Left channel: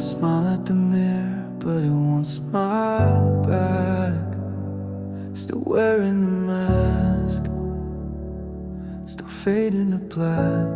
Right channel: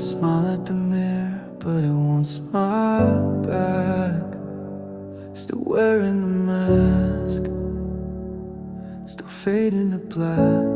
Smile at the mirror, but it won't smile back. Still wearing the mask, still fading to black.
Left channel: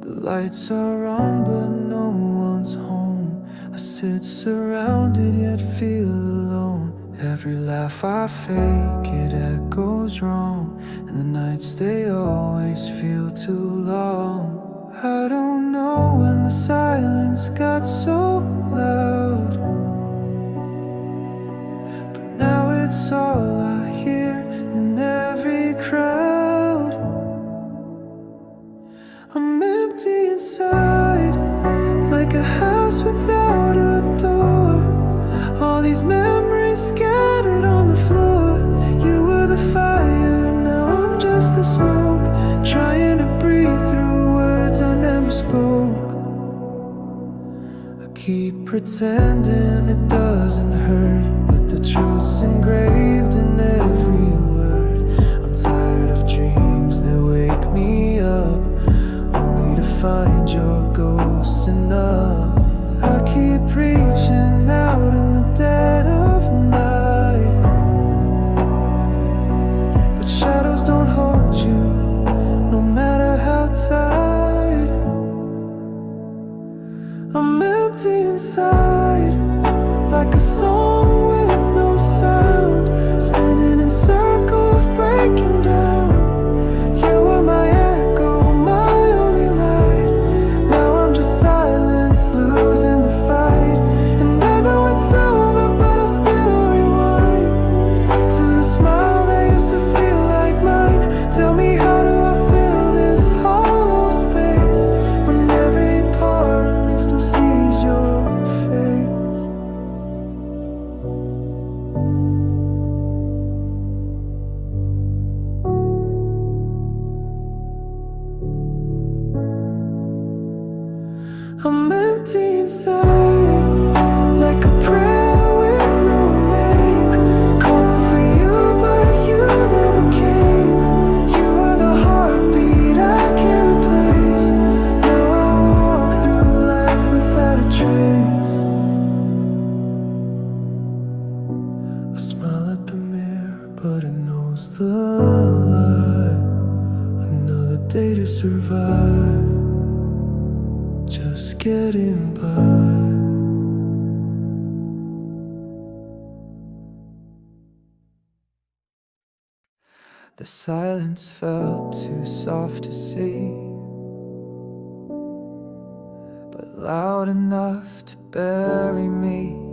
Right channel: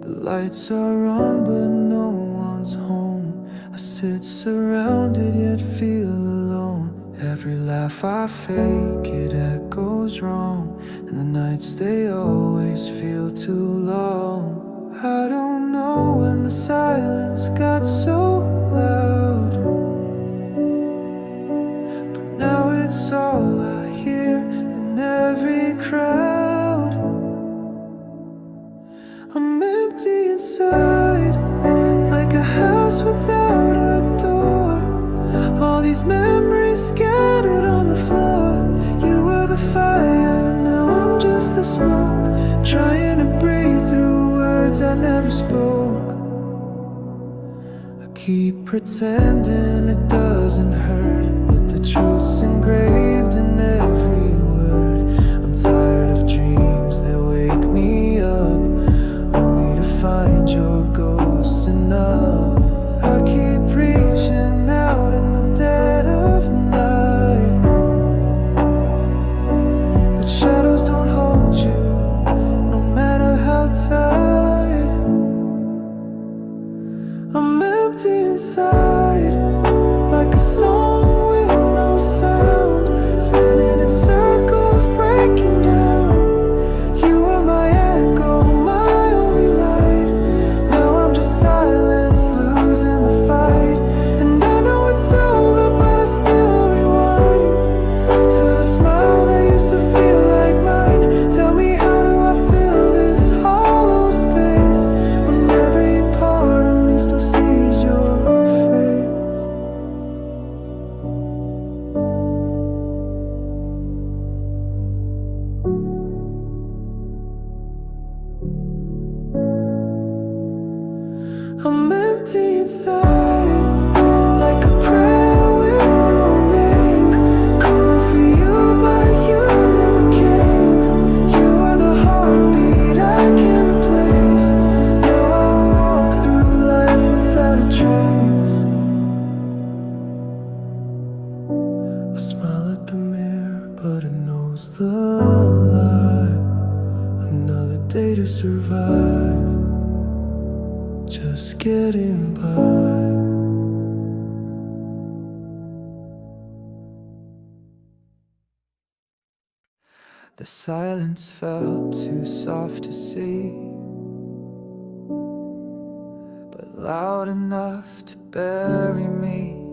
The lights are on, but no one's home. I sit surrounded, yet feel alone. Every laugh I fake, it echoes wrong. And the nights, they always feel too long. I don't know when the silence got so loud, but now it's all I hear in every crowd. I'm empty inside, like a house without a door. All these memories scattered on the floor. You were the fire, now I'm just the smoke, trying to breathe through words I never spoke. I keep pretending it doesn't hurt, but the truth's engraved in every word. I'm tired of dreams that wake me up, only to find your ghost enough. I keep reaching out in the dead of night, but shadows don't hold you, no matter how tight. I'm empty inside, like a song with no sound, spinning in circles, breaking down. You were my echo, my only light. Now I'm just silence, losing the fight. And I know it's over, but I still rewind to the smile that used to feel like mine. Tell me, how do I fill this hollow space when every part of me still sees your face? I'm empty inside, like a prayer with no name, calling for you, but you never came. You are the heartbeat I can't replace. Now I'll walk through life without a trace. I smile at the mirror, but it knows the lie. Another day to survive, just getting by. The silence felt too soft to see, but loud enough to bury me.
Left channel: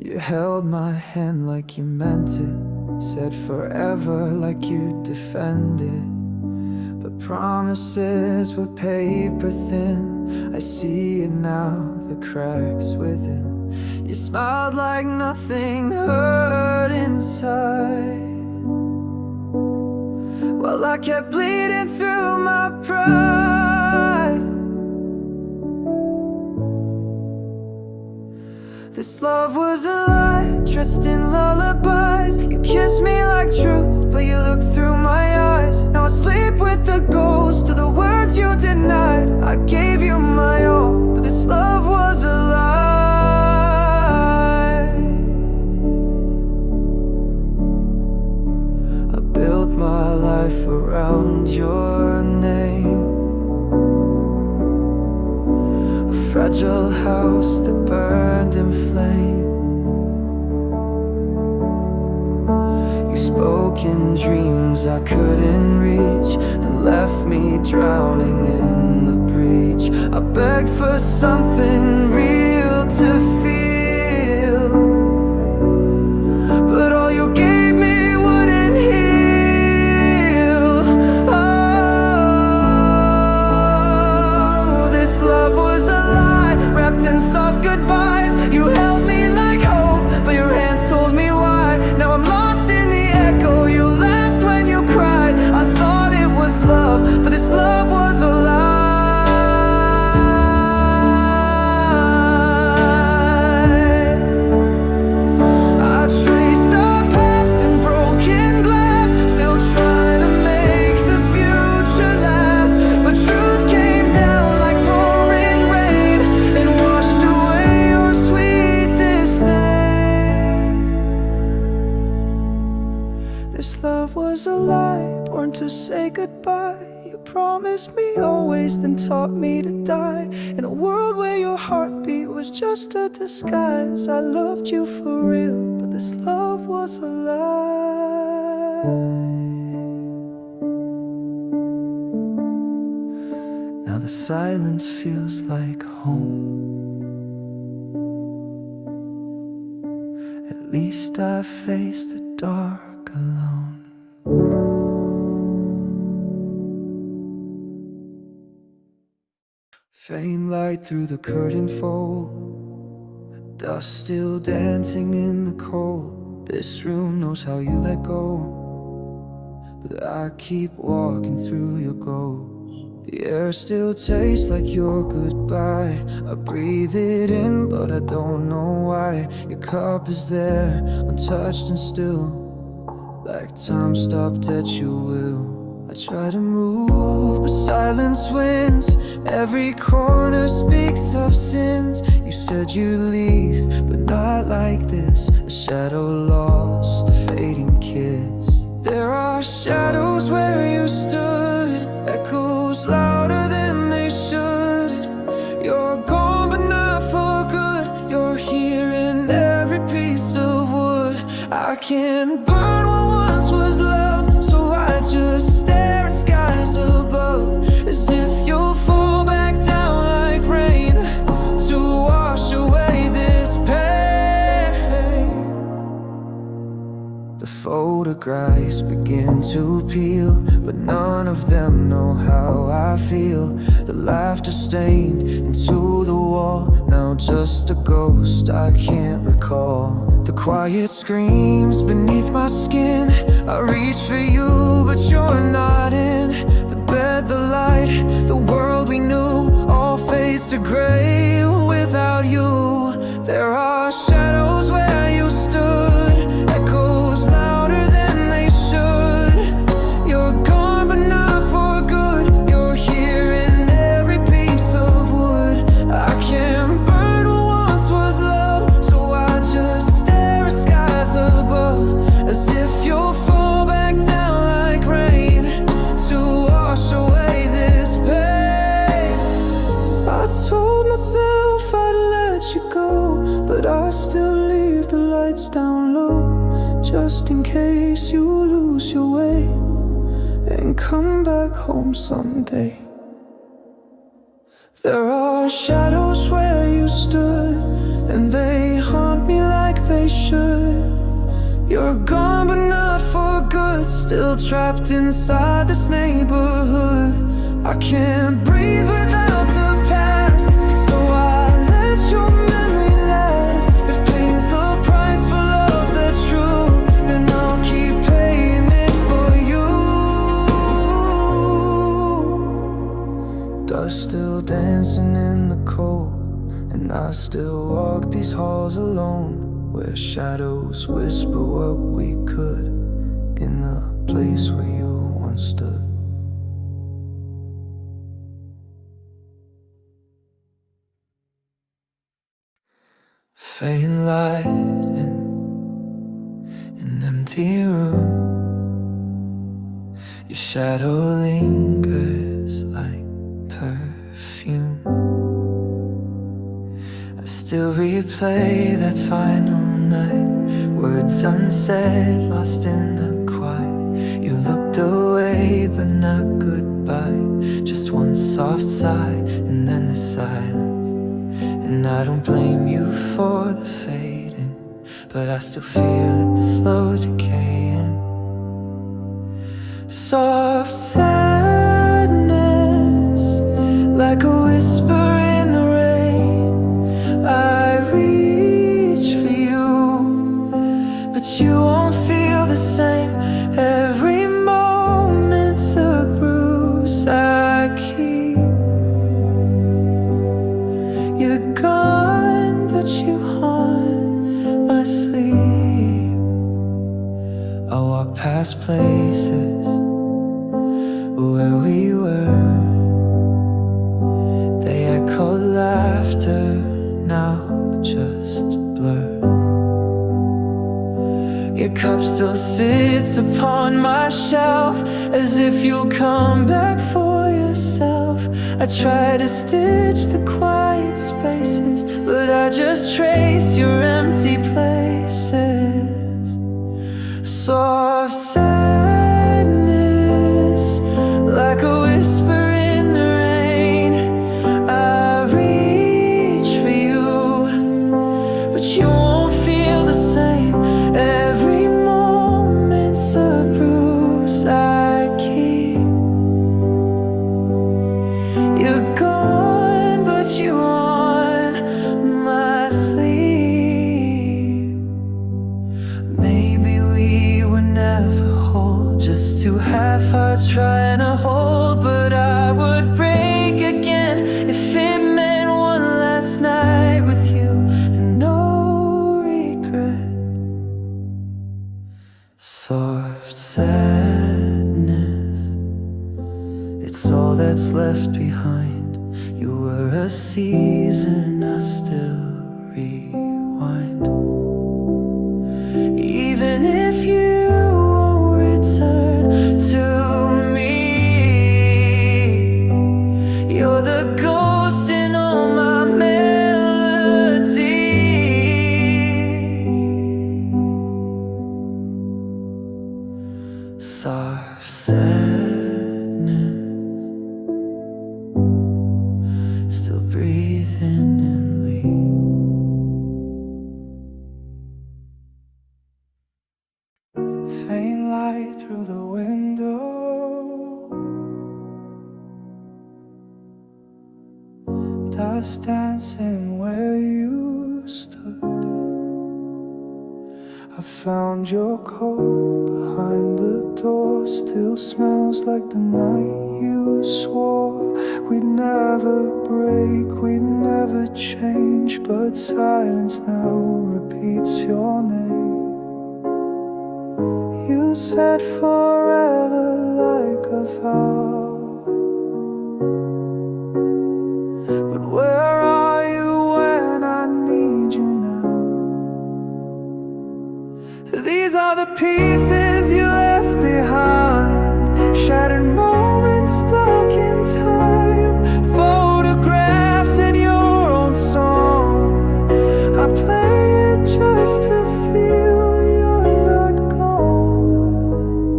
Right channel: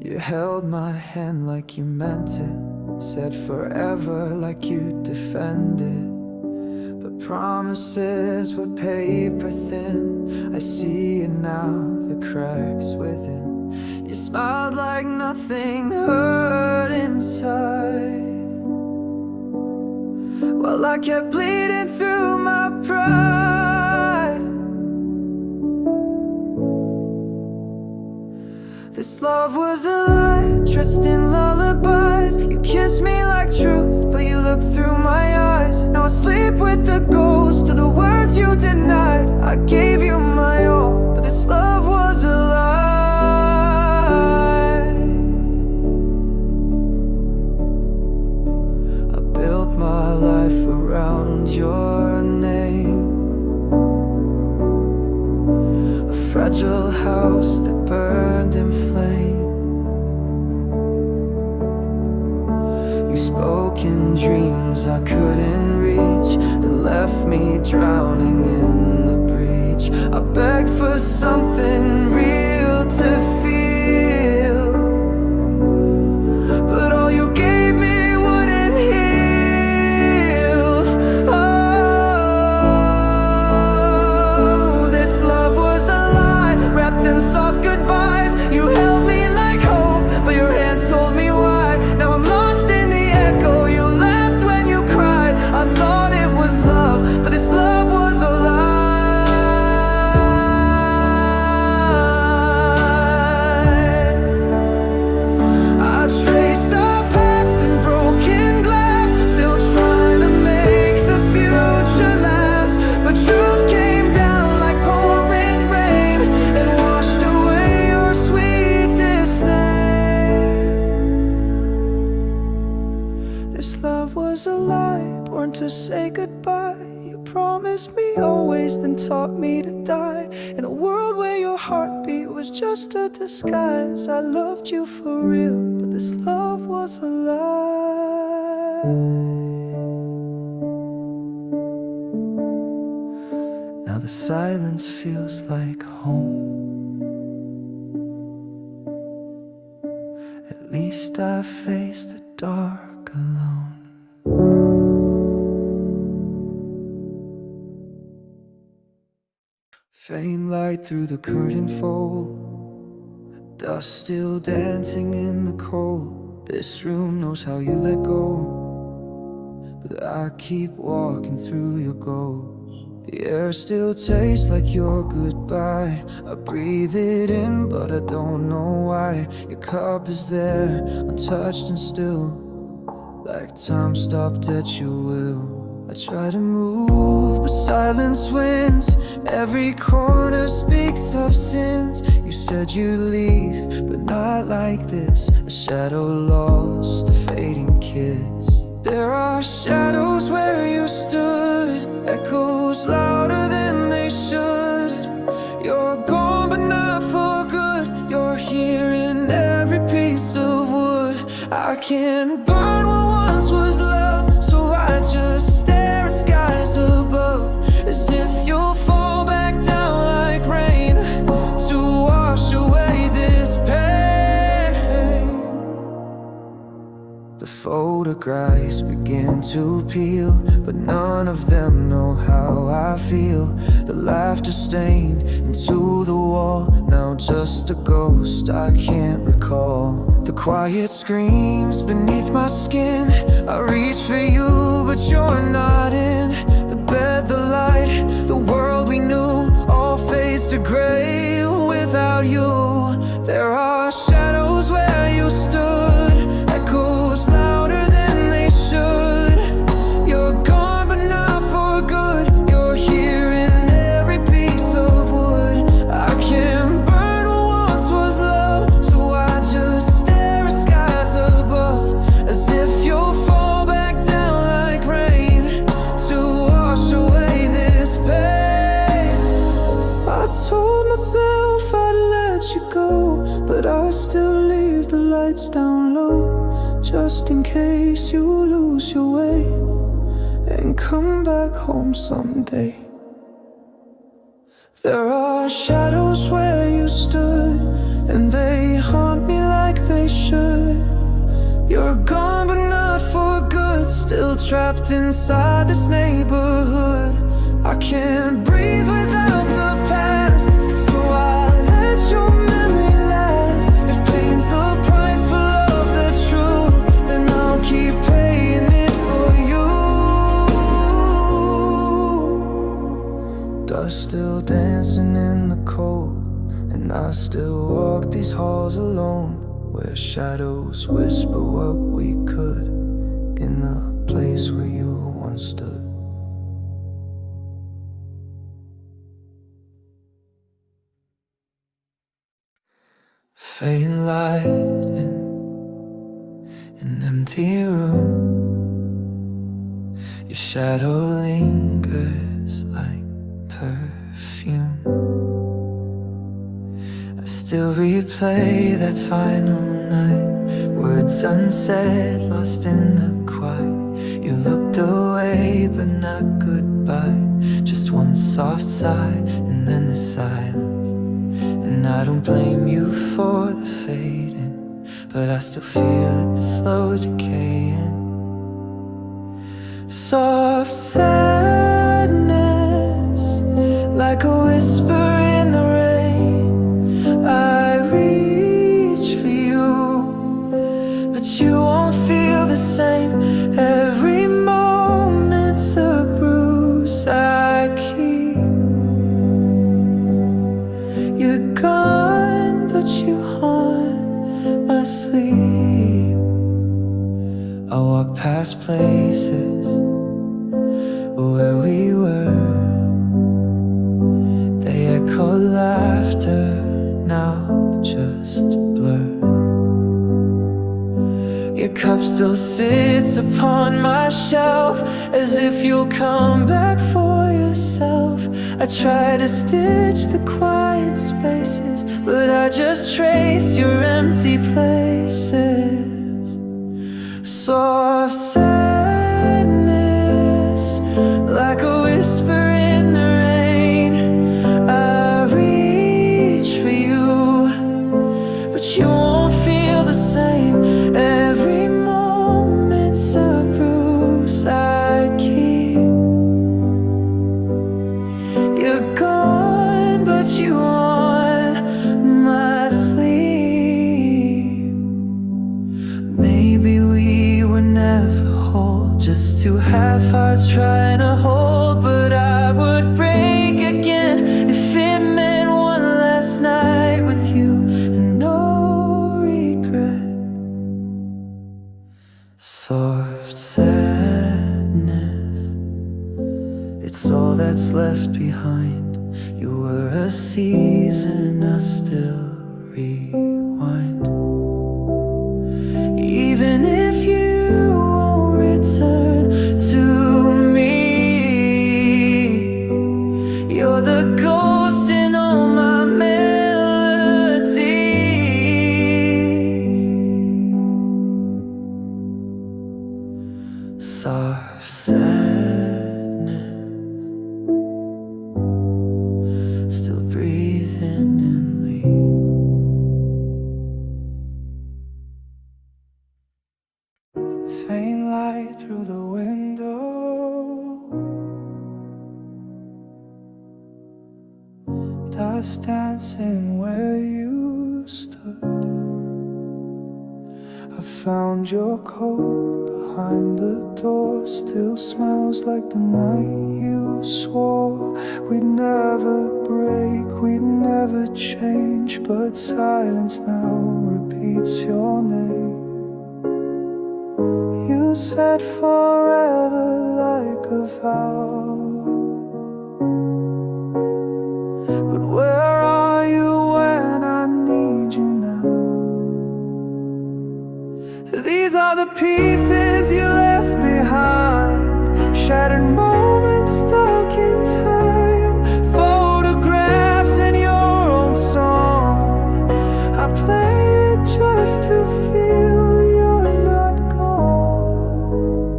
You held my hand like you meant it, said forever like you'd defend it. But promises were paper thin. I see it now, the cracks within. You smiled like nothing hurt inside, while I kept bleeding through my pride. This love was a lie, dressed in lullabies. You kissed me like truth, but you looked through my eyes. Now I sleep with the ghost of the words you denied. I gave you my all, but this love was a lie. I built my life around your name, a fragile house that burned in flame. You spoke in dreams I couldn't reach, and left me drowning in the breach. I begged for something real to feel, but all you gave me wouldn't heal. Oh, this love was a lie, wrapped in soft goodbyes. You held me like hope, but your hands told me why. Now I'm lost in the echo. You laughed when you cried. I thought it was love, but this love was a lie. I traced our past in broken glass, still trying to make the future last. But true was a lie, born to say goodbye. You promised me always, then taught me to die. In a world where your heartbeat was just a disguise, I loved you for real, but this love was a lie. Now the silence feels like home. At least I face the dark alone. Faint light through the curtain fold, dust still dancing in the cold. This room knows how you let go, but I keep walking through your ghost. The air still tastes like your goodbye. I breathe it in, but I don't know why. Your cup is there, untouched and still, like time stopped at your will. I try to move, but silence wins. Every corner speaks of sins. You said you'd leave, but not like this. A shadow lost, a fading kiss. There are shadows where you stood, echoes louder than they should. You're gone but not for good. You're here in every piece of wood. I can't burn what once was love, so I just stare at skies above, as if you'll fall back down like rain to wash away this pain. The photographs begin to peel, but none of them know how I feel. The laughter stained into the wall, now just a ghost I can't recall. The quiet screams beneath my skin. I reach for you, but you're not in. The bed, the light, the world we knew, all fades to gray without you. There are shadows where you stood, echoes louder than they should. You're gone but not for good. You're here in every piece of wood. I can't burn what once was love, so I just stare at skies above, as if you'll fall back down like rain to wash away this pain. I told myself I'd let you go, but I still leave the lights down low, just in case you lose your way and come back home someday. There are shadows where you stood, and they haunt me like they should. You're gone but not for good, still trapped inside this neighborhood. I can't breathe without the past, so I let your memory last. If pain's the price for love that's true, then I'll keep paying it for you. Dust still dancing in the cold, and I still walk these halls alone, where shadows whisper what we could, in the place where you once stood. Faint light in an empty room. Your shadow lingers like perfume. I still replay that final night, words unsaid, lost in the quiet. You looked away but not goodbye, just one soft sigh and then the silence. And I don't blame you for the fading, but I still feel it, the slow decaying. Soft sadness, like a whisper in the rain. I reach for you, but you won't feel the same. Every moment's a bruise I keep. You're gone, but you haunt my sleep. I walk past places where we were. They echo laughter, now just blur. Your cup still sits upon my shelf, as if you'll come back for yourself. I try to stitch the quiet spaces, but I just trace your empty places. Soft sadness, like a whisper in the rain. I reach for you, but you won't feel the same. Every moment's a bruise I keep. You're gone, but you on my sleeve. Maybe we were never whole, just two half hearts trying to hold. But I would break again if it meant one last night with you and no regret. Soft sadness, it's all that's left behind. You were a season I still rewind. Even if you won't return to me, you're the ghost in all my melodies. Soft sadness, still breathing and leave. Faint light through the window, dust dancing where you stood. I found your coat behind the door, still smells like the night you swore we'd never break, we'd never change. But silence now repeats your name. You said forever like a vow, but where are you when I need you now? These are the pieces you left behind, shattered moments stuck in time, photographs in your own song. I play it just to feel you're not gone,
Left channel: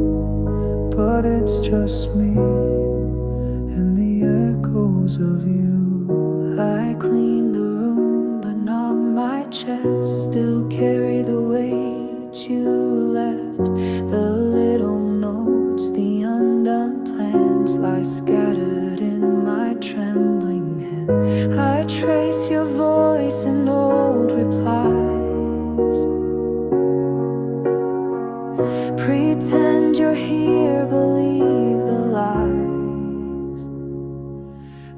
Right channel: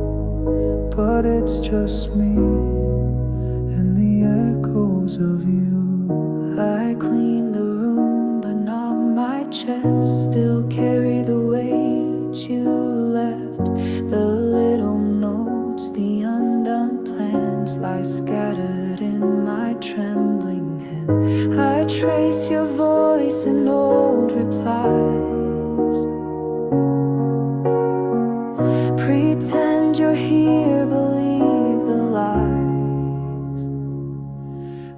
but it's just me and the echoes of you. I clean the room, but not my chest. Still carry the weight you left. The little notes, the undone plans lie scattered in my trembling hand. I trace your voice in old replies. Pretend you're here, believe the lies.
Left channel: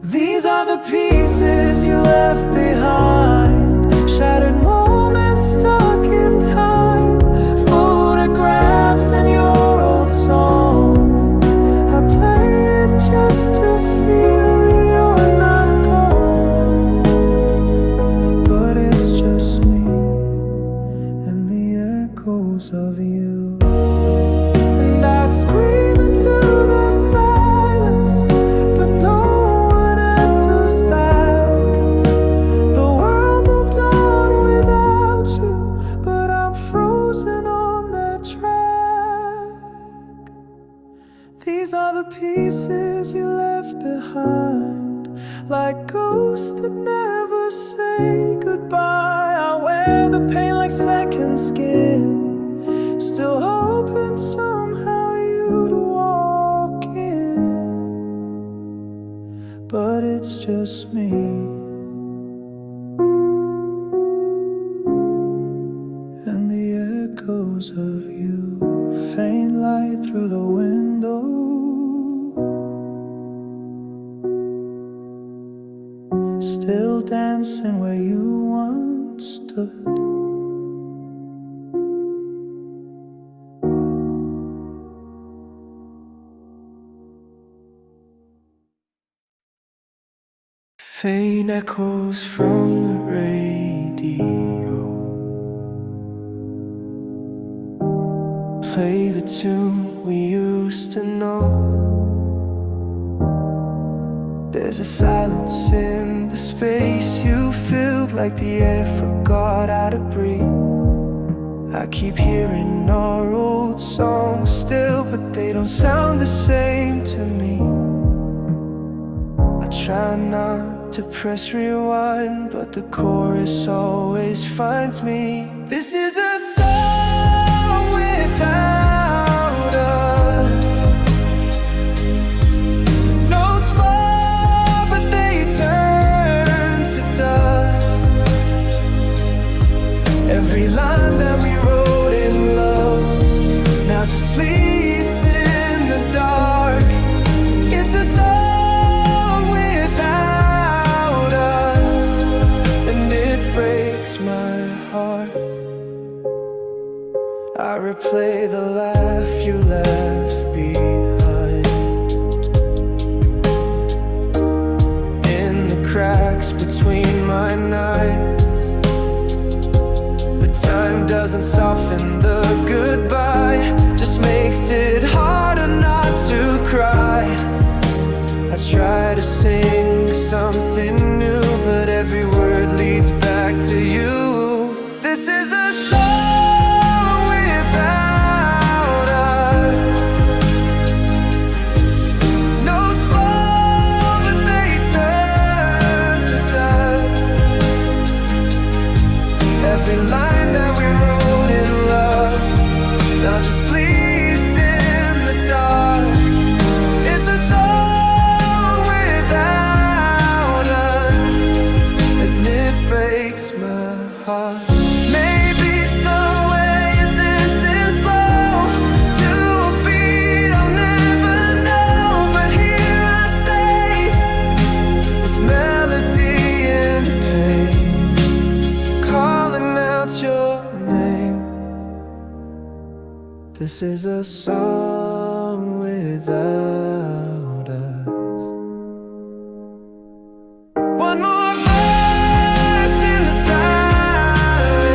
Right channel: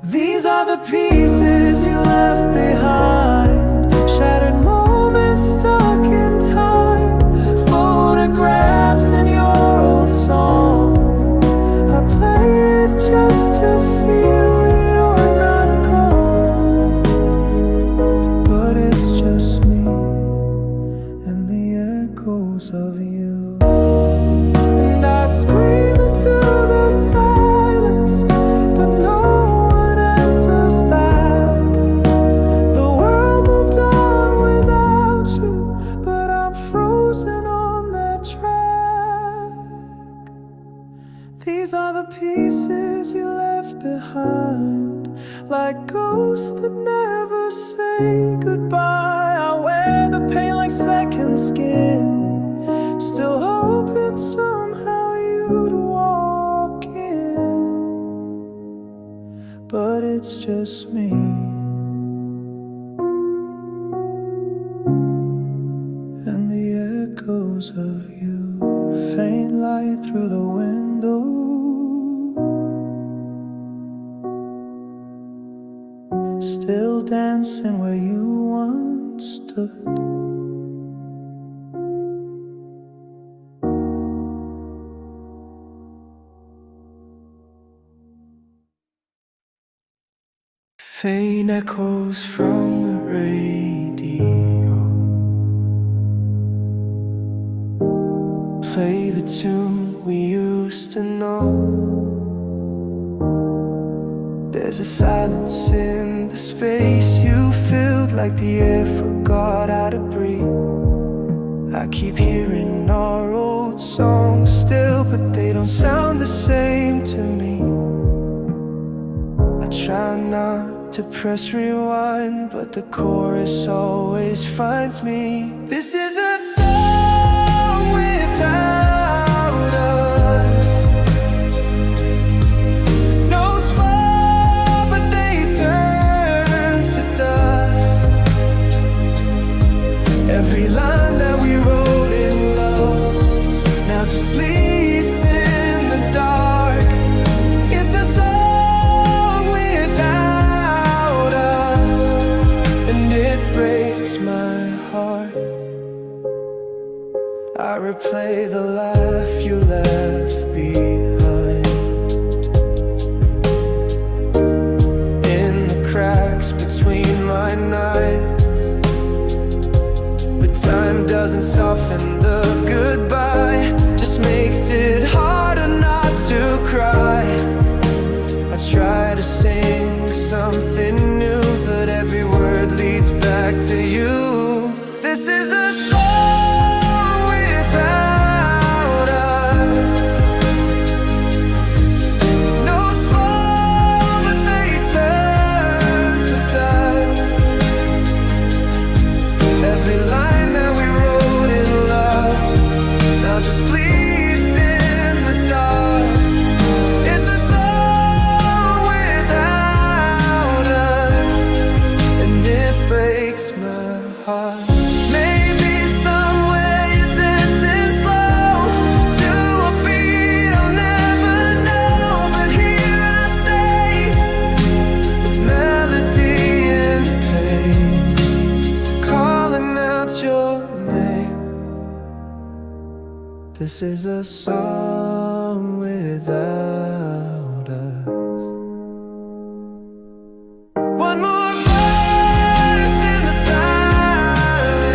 These are the pieces you left behind, shattered moments stuck in time, photographs in your old song. I play it just to feel you're not gone, but it's just me and the echoes of you. And I scream into the silence, but no one answers back. The world moved on without you, but I'm frozen on that track. These are the pieces you left behind, like ghosts that never say goodbye. I wear the pain like second skin, still hoping somehow you'd walk in, but it's just me and the echoes of you. Faint light through the window, still dancing where you once stood. Faint echoes from the radio, play the tune we used to know. There's a silence in the space you filled, like the air forgot how to breathe. I keep hearing our old songs still, but they don't sound the same to me. I try not to press rewind, but the chorus always finds me. This is a song without us. Notes fall, but they turn to dust. Every line that we wrote in love now just bleeds in the dark. It's a song without us, and it breaks my heart. I replay the laugh you left behind in the cracks between my nights. But time doesn't soften the goodbye, just makes it harder not to cry. I try to sing something new, but every word leads back to you. This is a song without us. Notes fall, but they turn to dust. Every line that we wrote in love now just bleeds in the dark. It's a song without us, and it breaks my heart. Maybe somewhere you're dancing slow to a beat I'll never know, but here I stay with melody and pain, calling out your name. This is a song without us. One more verse in the silence.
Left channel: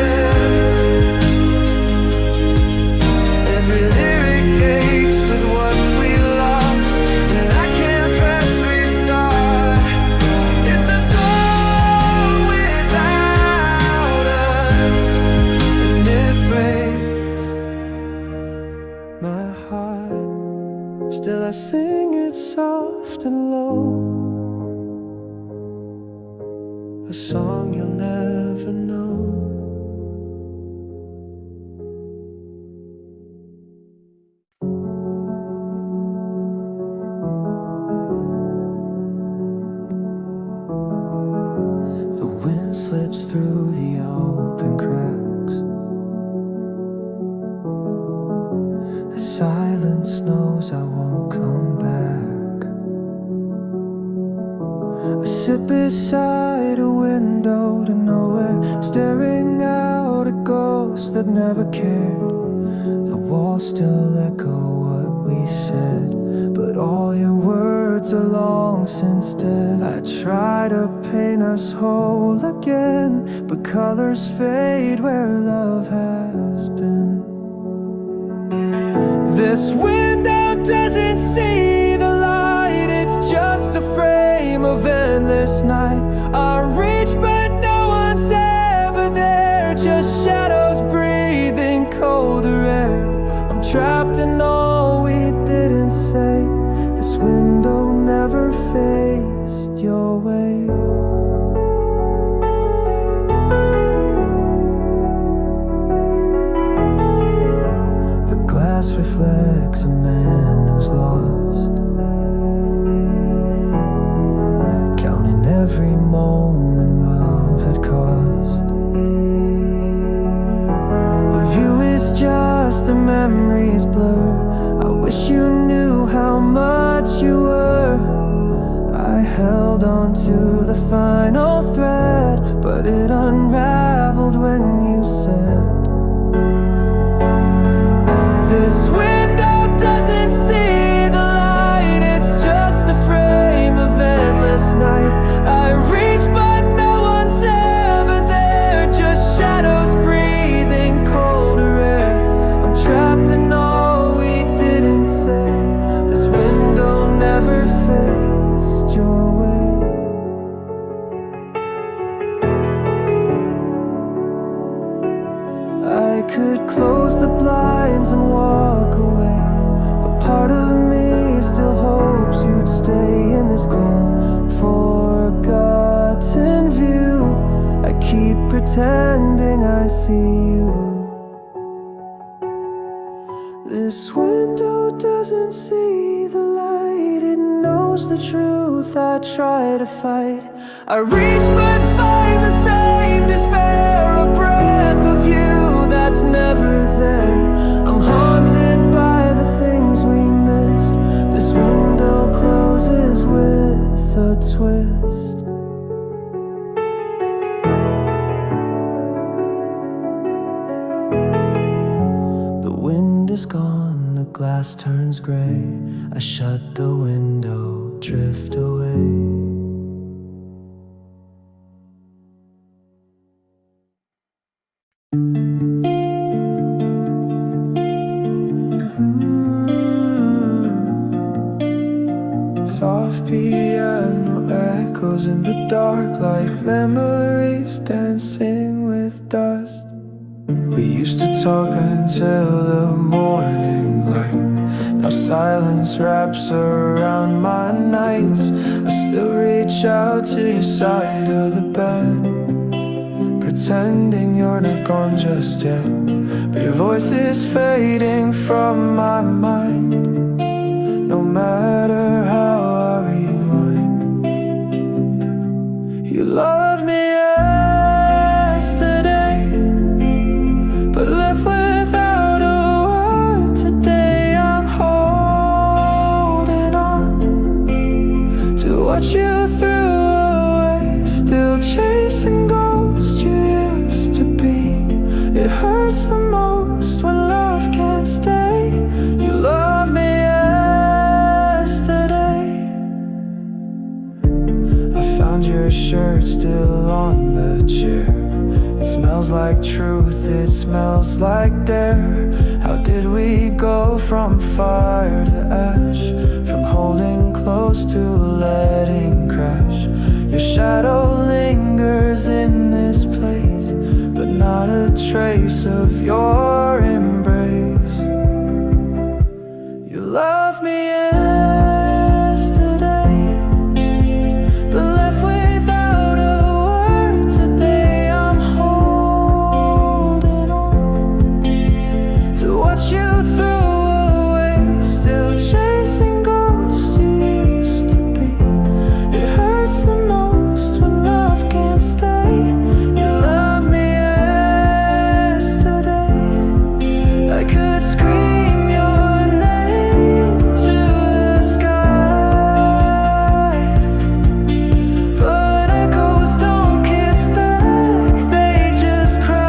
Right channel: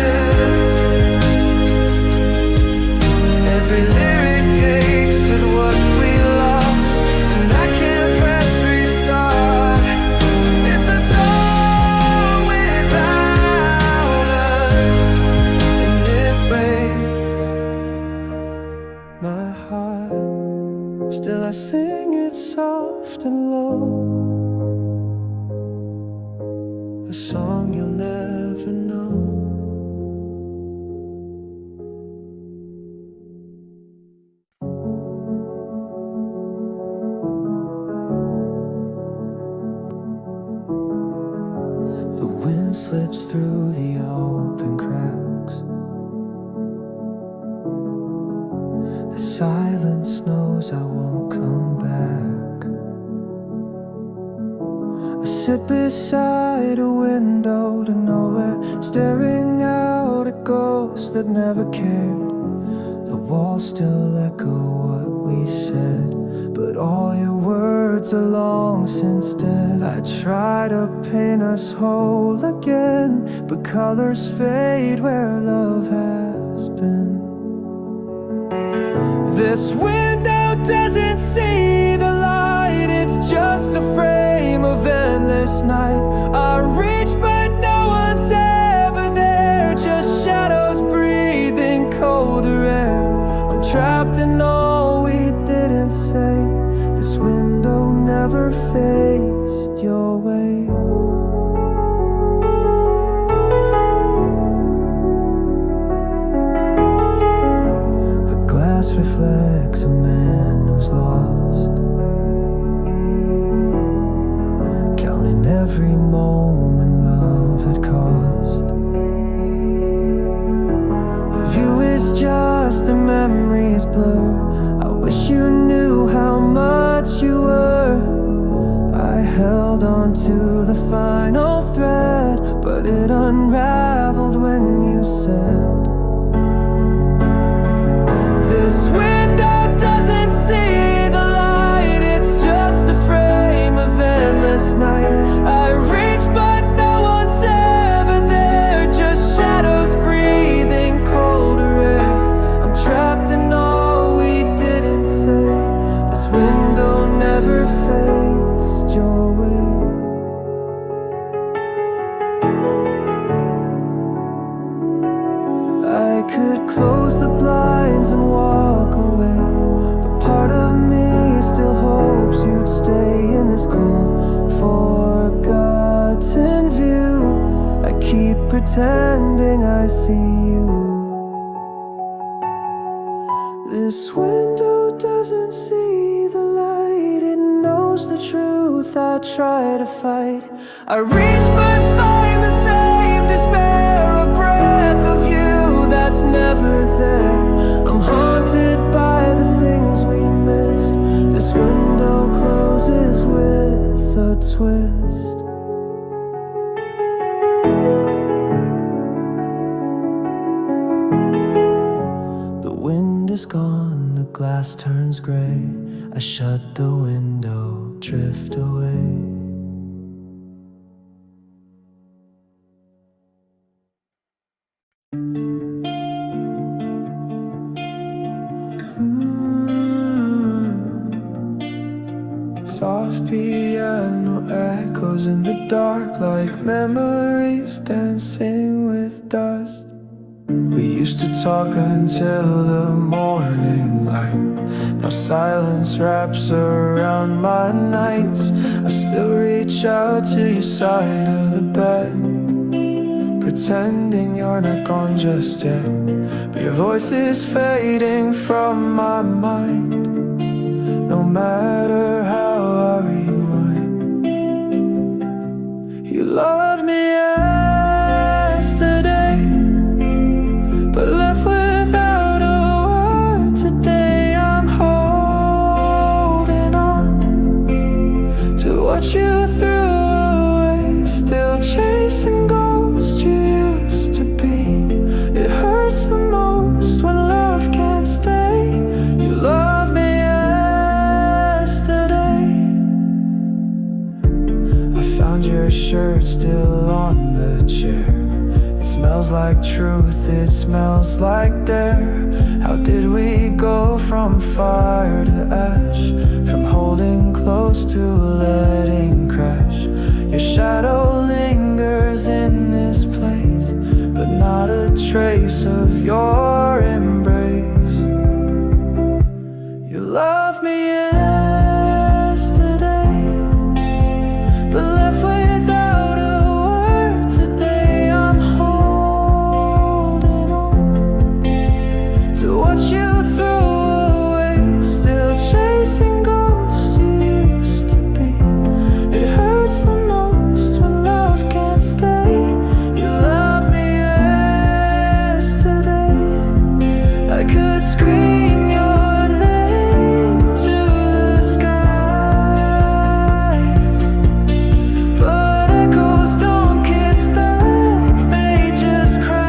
Every lyric aches with what we lost, and I can't press restart. It's a song without us, and it breaks my heart. Still I sing it soft and low, a song you'll never know. The wind slips through the open cracks. The silence knows I won't come back. I sit beside a window to nowhere, staring out at ghosts that never cared. The walls still echo what we said, but all your words are long since dead. I try to paint us whole again, but colors fade where love has been. This window doesn't see the light, it's just a frame of endless night. I reach but no one's ever there, just shadows breathing colder air. I'm trapped in all we didn't say. This window never faced your way. The glass reflects a man who's lost, counting every moment love had cost. The view is just a memory's blur. I wish you knew how much you were. I held on to the final thread, but it unraveled when you said, this window doesn't see the light, it's just a frame of endless night. I reach but no one's ever there, just shadows breathing colder air. I'm trapped in all your way. I could close the blinds and walk away, but part of me still hopes you'd stay in this cold, forgotten view. I keep pretending I see you. This window doesn't see the light, it knows the truth I try to fight. I reach but find the same despair, a breath of you that's never there. I'm haunted by the things we missed. This window closes with a twist. The wind is gone, the glass turns gray. I shut the window, drift away. Soft piano echoes in the dark, like memories dancing with dust. We used to talk until the morning light. Now silence wraps around my nights. I still reach out to your side of the bed, pretending you're not gone just yet. But your voice is fading from my mind. No matter how I rewind, you loved me yesterday, but left without a word today. I'm holding on to what you threw away, still chasing ghosts you used to be. It hurts the most when love can't stay. You love me yesterday. I found your shirt still on the chair. It smells like truth, it smells like dare. How did we go from fire to ash, from holding close to letting crash? Your shadow lingers in this place, but not a trace of your embrace. You love me yesterday, but left without a word today. I'm holding on to what you threw away, still chasing ghosts you used to be. It hurts the most when love can't stay. You love me yesterday. I could scream your name to the sky, but echoes don't kiss back, they just cry.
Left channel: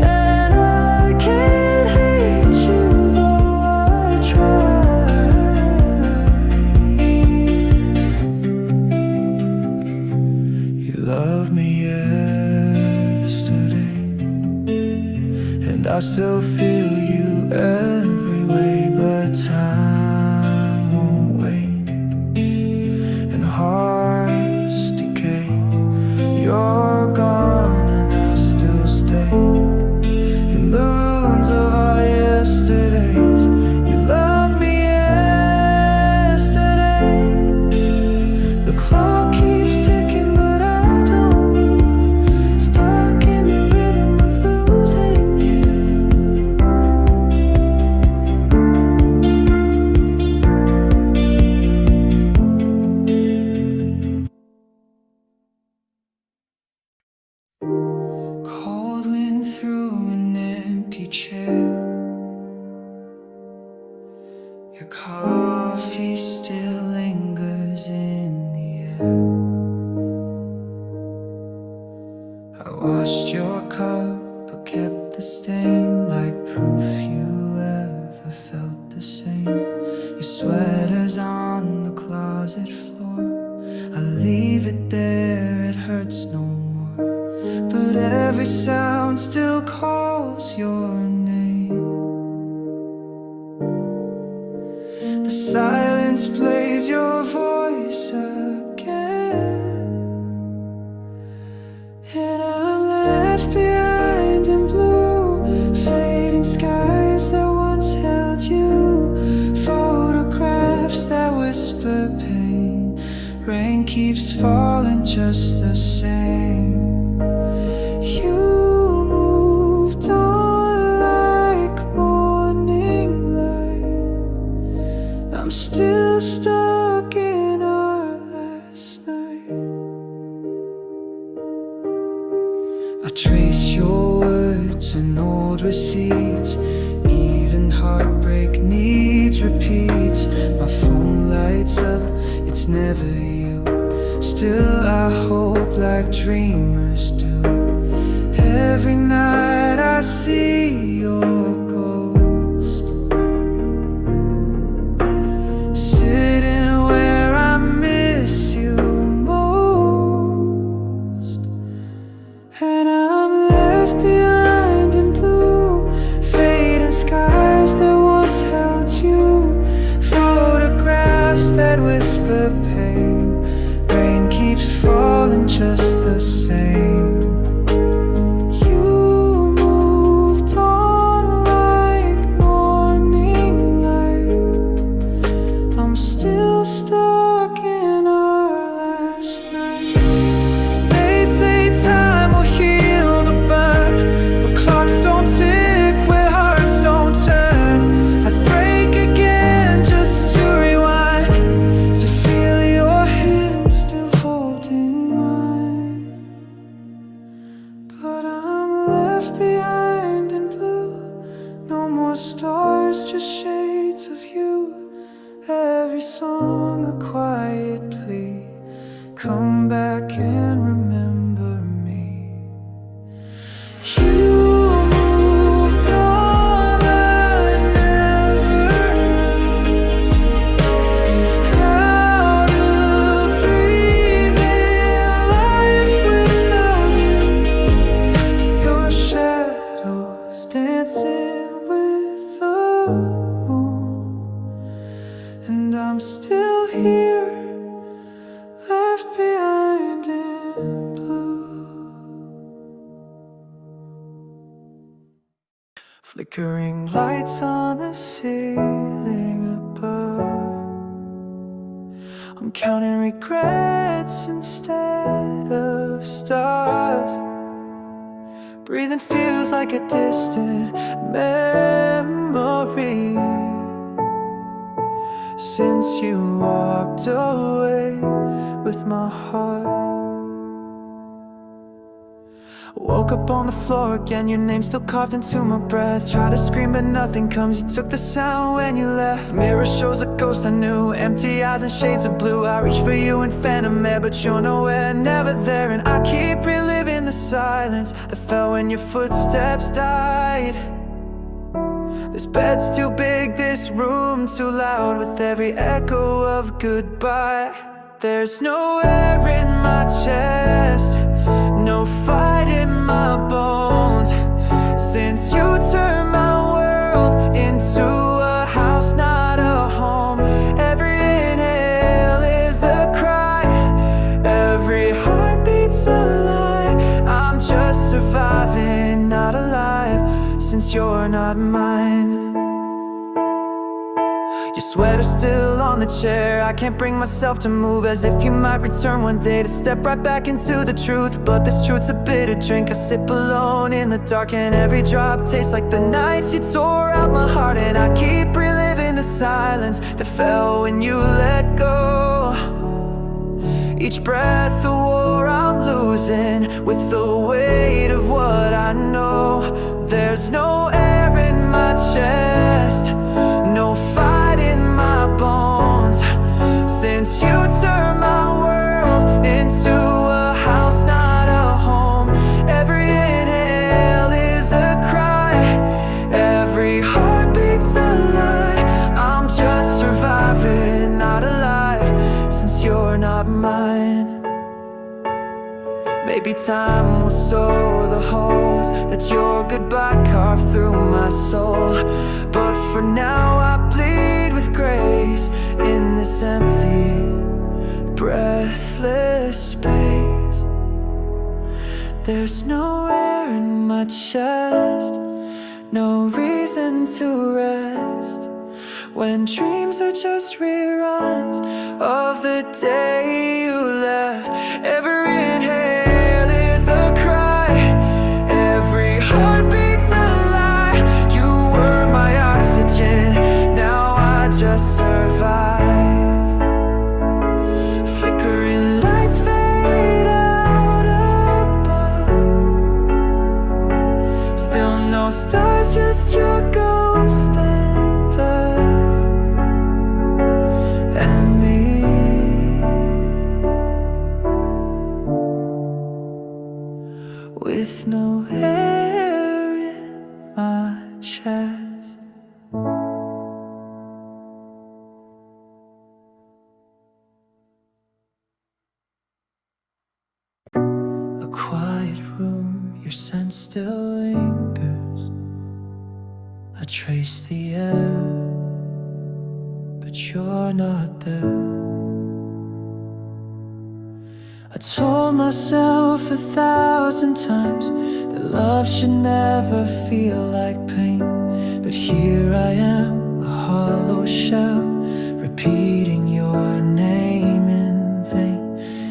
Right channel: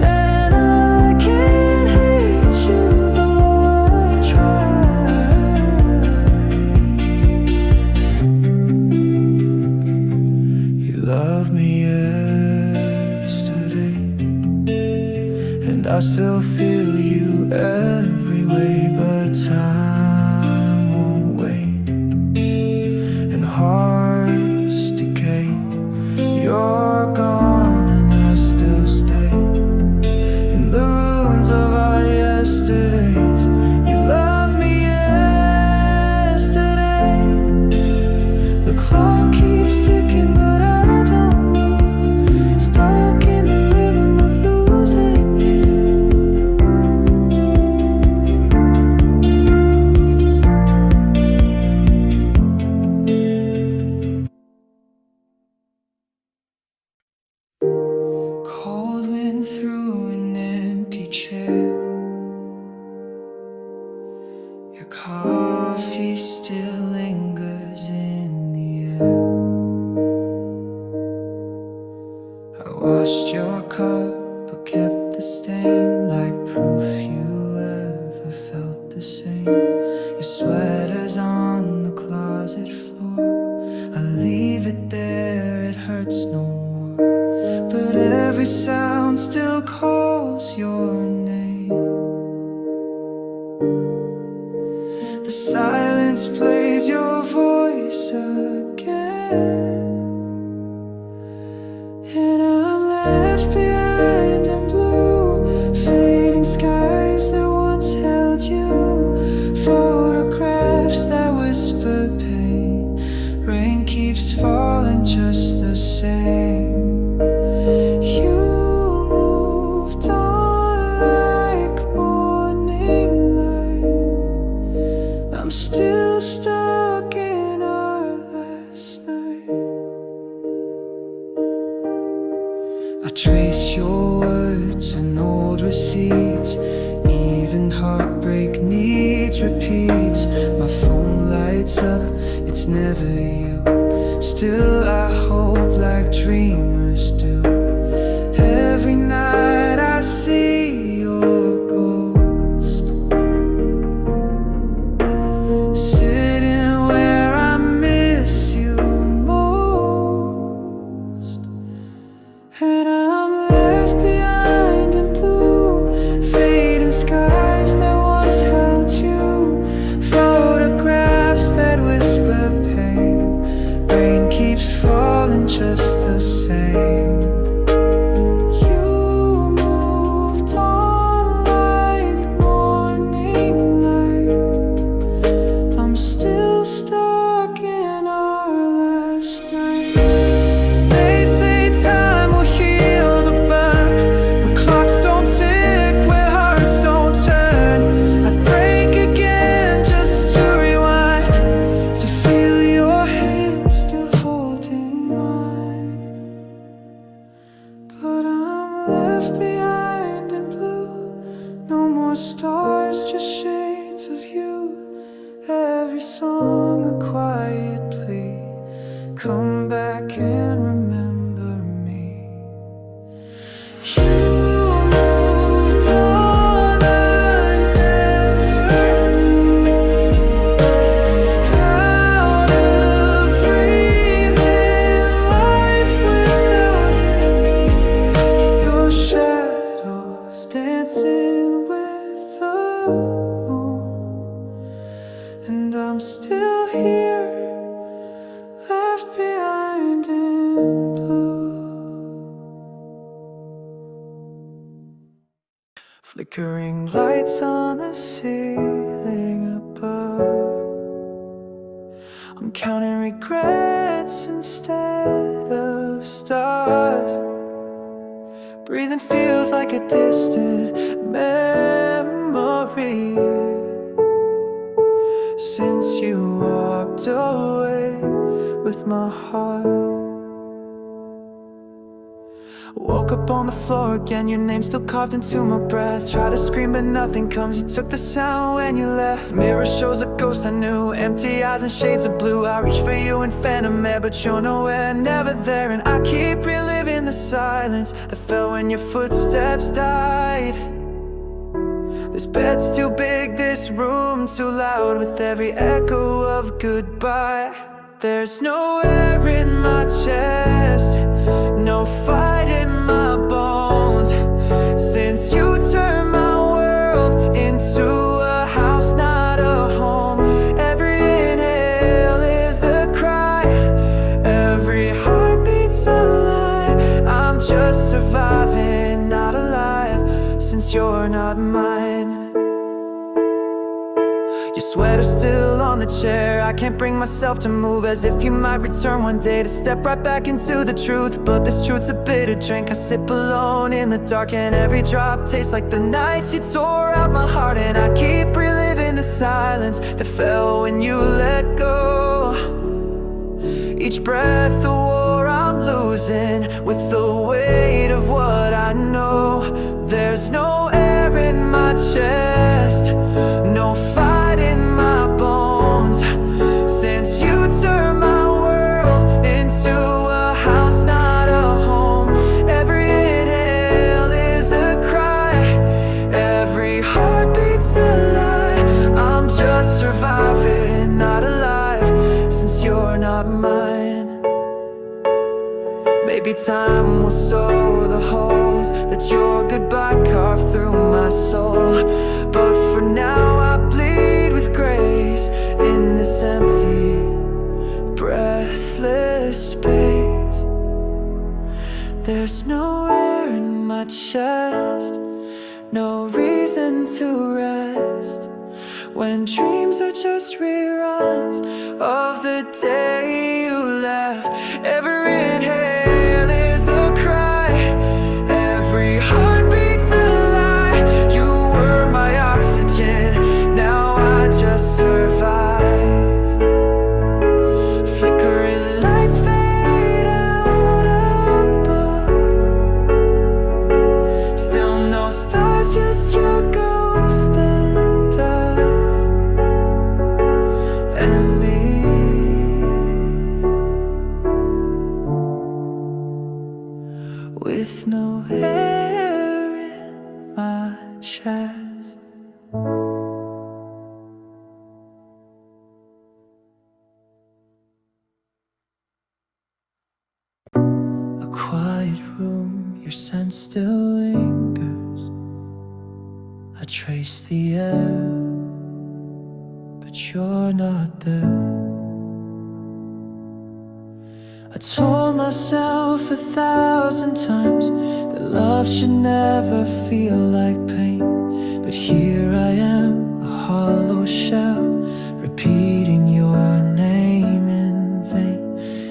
And I can't hate you though I try. You love me yesterday, and I still feel you every way, but time won't wait, and hearts decay. You're gone and I still stay in the ruins of our yesterdays. You love me yesterday. The clock keeps ticking but I don't move, stuck in the rhythm of losing you. Cold wind through an empty chair. Your coffee still lingers in the air. I washed your cup but kept the stain, like proof you ever felt the same. Your sweater's on the closet floor. I leave it there, it hurts no more, but every sound still calls your name. The silence plays your voice again, and I'm left behind in blue, fading skies that once held you, photographs that whisper pain. Rain keeps falling just the same. You moved on like morning light. I'm still stuck in our last night. I trace your words and old receipts. Even heartbreak needs repeats. My phone lights up, it's never you. Still I hope like dreamers do. Every night I see your ghost, sitting where I miss you most. And I'm left behind in blue, fading skies that once held you, photographs that whisper pain. Rain keeps falling just the same. You moved on like morning light. I'm still stuck in our last night. They say time will heal the burn, but clocks don't tick where hearts don't turn. I'd break again just to rewind, to feel your hand still holding mine. But I'm left behind in blue, no more stars, just shades of you. Every song a quiet plea, come back and remember me. You moved on, I never knew how to breathe in life without you. Your shadows dancing with the moon, and I'm still here, left behind in blue. Flickering lights on the ceiling above. I'm counting regrets instead of stars. Breathing feels like a distant memory since you walked away with my heart. Woke up on the floor again, your name still carved into my breath. Try to scream but nothing comes, you took the sound when you left. Mirror shows a ghost I knew, empty eyes and shades of blue. I reach for you in phantom air, but you're nowhere, never there. And I keep reliving the silence that fell when your footsteps died. This bed's too big, this room too loud, with every echo of goodbye. There's no air in my chest, no fight in my bones, since you turned my world into a house, not a home. Every inhale is a cry, every heartbeat's a lie. I'm just surviving, not alive, since you're not mine. Your sweater's still on the chair, I can't bring myself to move, as if you might return one day to step right back into the truth. But this truth's a bitter drink, I sip alone in the dark, and every drop tastes like the nights you tore out my heart. And I keep reliving the silence that fell when you let go. Each breath a war I'm losing, with the weight of what I know. There's no air in my chest, no fight in my bones, since you turned my world into a house, not a home. Every inhale is a cry, every heartbeat's a lie. I'm just surviving, not alive, since you're not mine. Maybe time will sew the holes that your goodbye carved through my soul, but for now I bleed with grace in this empty, breathless space. There's no air in my chest, no reason to rest, when dreams are just reruns of the day you left. Every inhale is a cry, every heartbeat's a lie. You were my oxygen, now I just survive. Flickering lights fade out above, still no stars, just your ghost and dust and me, with no air in my chest. A quiet room, your scent still lingers. I trace the air, but you're not there. I told myself 1,000 times that love should never feel like pain, but here I am, a hollow shell, repeating your name in vain.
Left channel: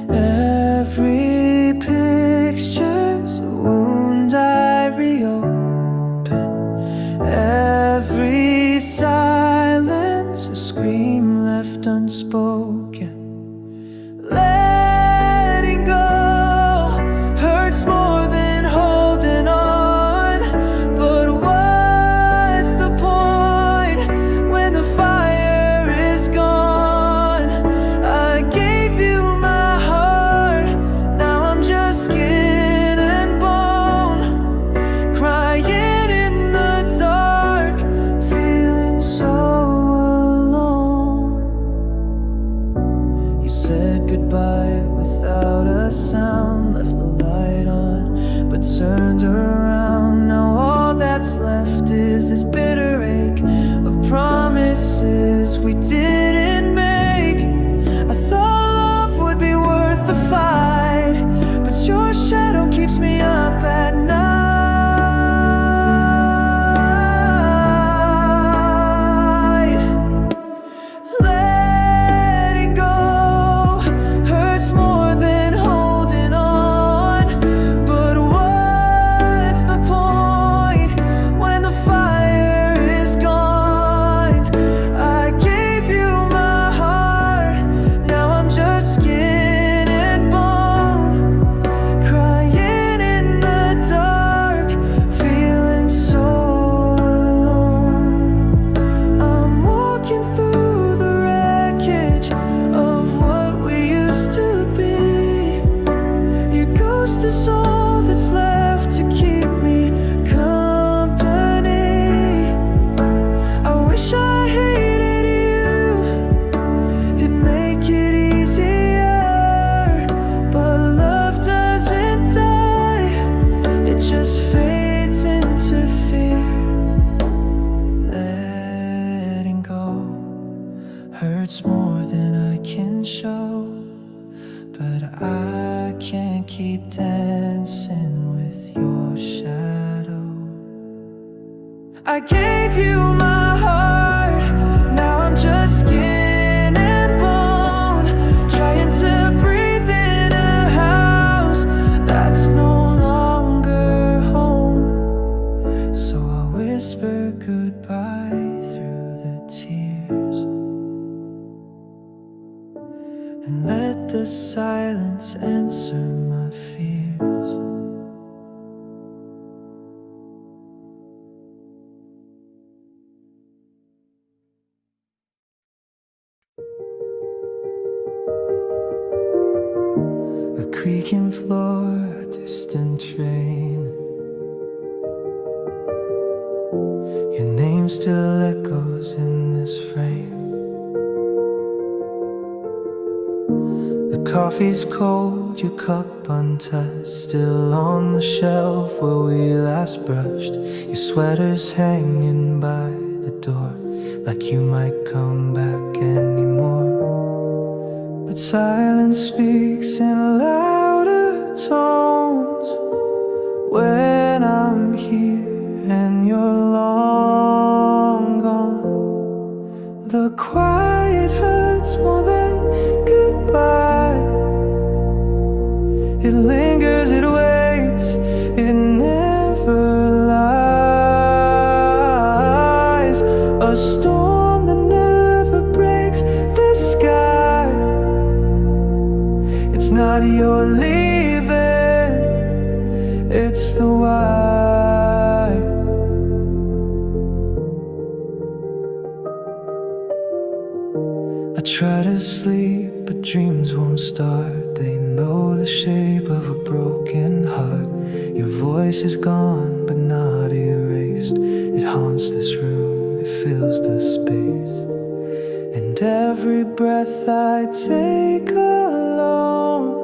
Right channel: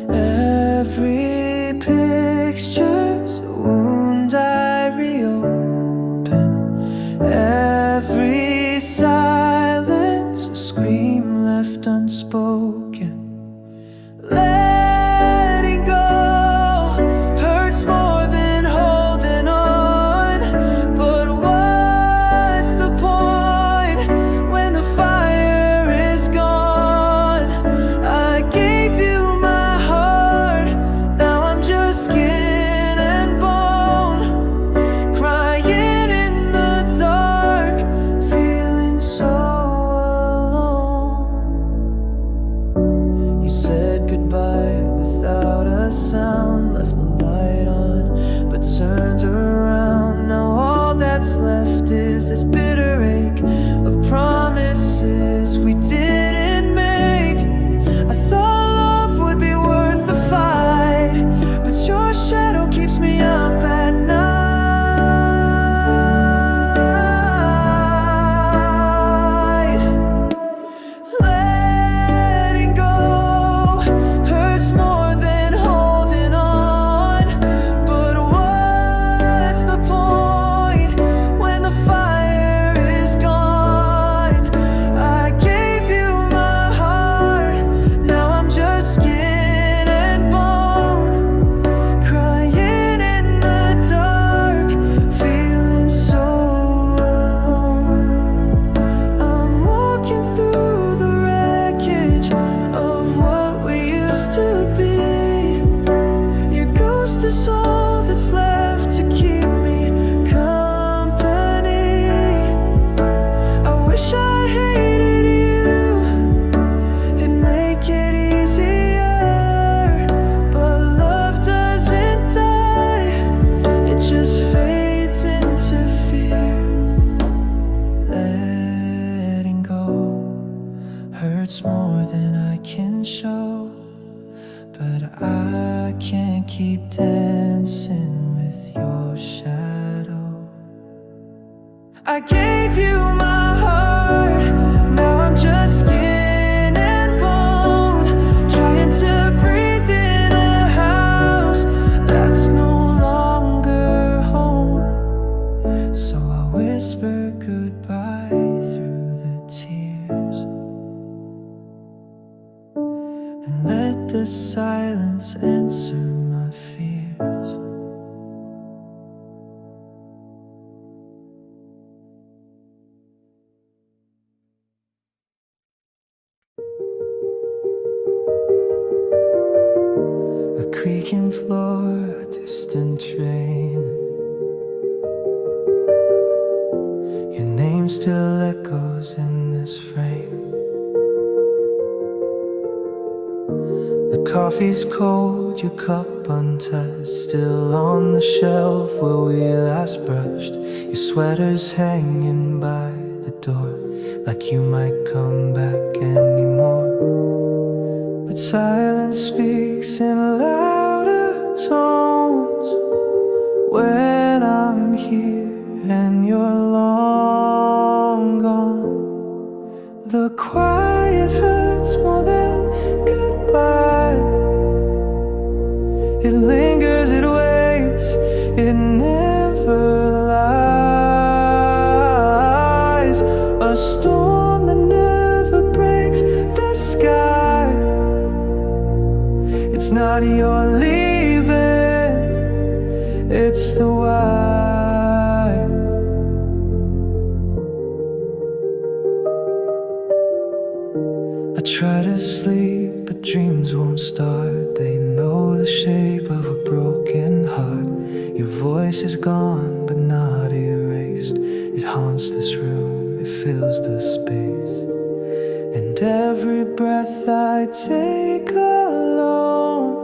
Every picture's a wound I reopen, every silence a scream left unspoken. Letting go hurts more than holding on, but what's the point when the fire is gone? I gave you my heart, now I'm just skin and bone, crying in the dark, feeling so alone. You said goodbye without a sound, left the light on, but turned around. Now all that's left is this bitter ache of promises we didn't make. I thought love would be worth the fight, but your shadow keeps me up at night. Letting go hurts more than holding on, but what's the point when the fire is gone? I gave you my heart, now I'm just skin and bone, crying in the dark, feeling so alone. I'm walking through the wreckage of what we used to be. Your ghost is all that's left to keep me company. I wish I hated you, it'd make it easier, but love doesn't die, it just fades into fear. Letting go hurts more than I can show, but I can't keep dancing with your shadow. I gave you my heart, now I'm just skin and bone, trying to breathe in a house that's no longer home. So I whisper goodbye through the tears, and let the silence answer my fears. A creaking floor, a distant train, your name still echoes in this frame. The coffee's cold, your cup untouched, still on the shelf where we last brushed. Your sweater's hanging by the door, like you might come back anymore. But silence speaks in louder tones when I'm here and you're long gone. The quiet hurts more than goodbye. It lingers, it waits, it never lies. A storm that never breaks the sky. It's not your leaving, it's the why. I try to sleep, but dreams won't start. They know the shape of a broken heart. Your voice is gone, but not erased. It haunts this room, it fills the space. And every breath I take alone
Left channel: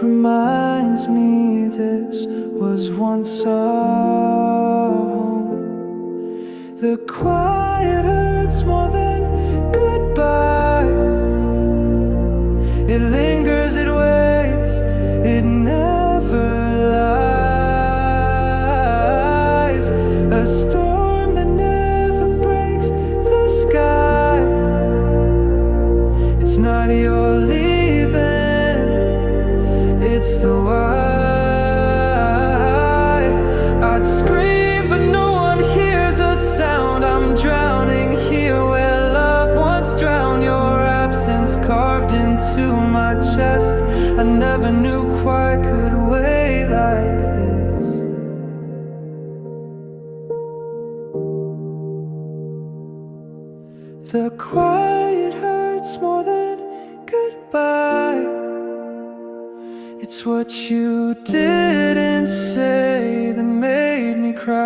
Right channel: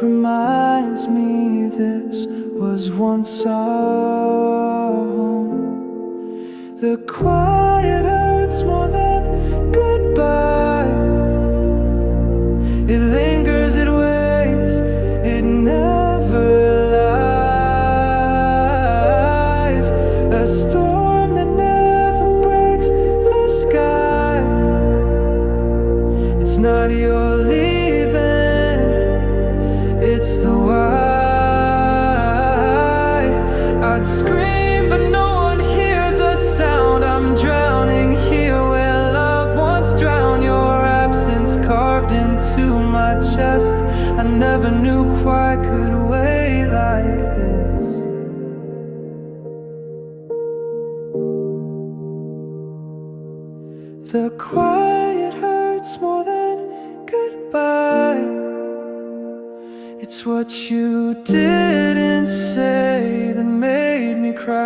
reminds me this was once our home. The quiet hurts more than goodbye. It lingers, it waits, it never lies. A storm that never breaks the sky. It's not your leaving, it's the why. I'd scream, but no one hears a sound. I'm drowning here where love once drowned. Your absence carved into my chest. I never knew quite could weigh like this. The quiet hurts more than goodbye. It's what you didn't say that made me cry.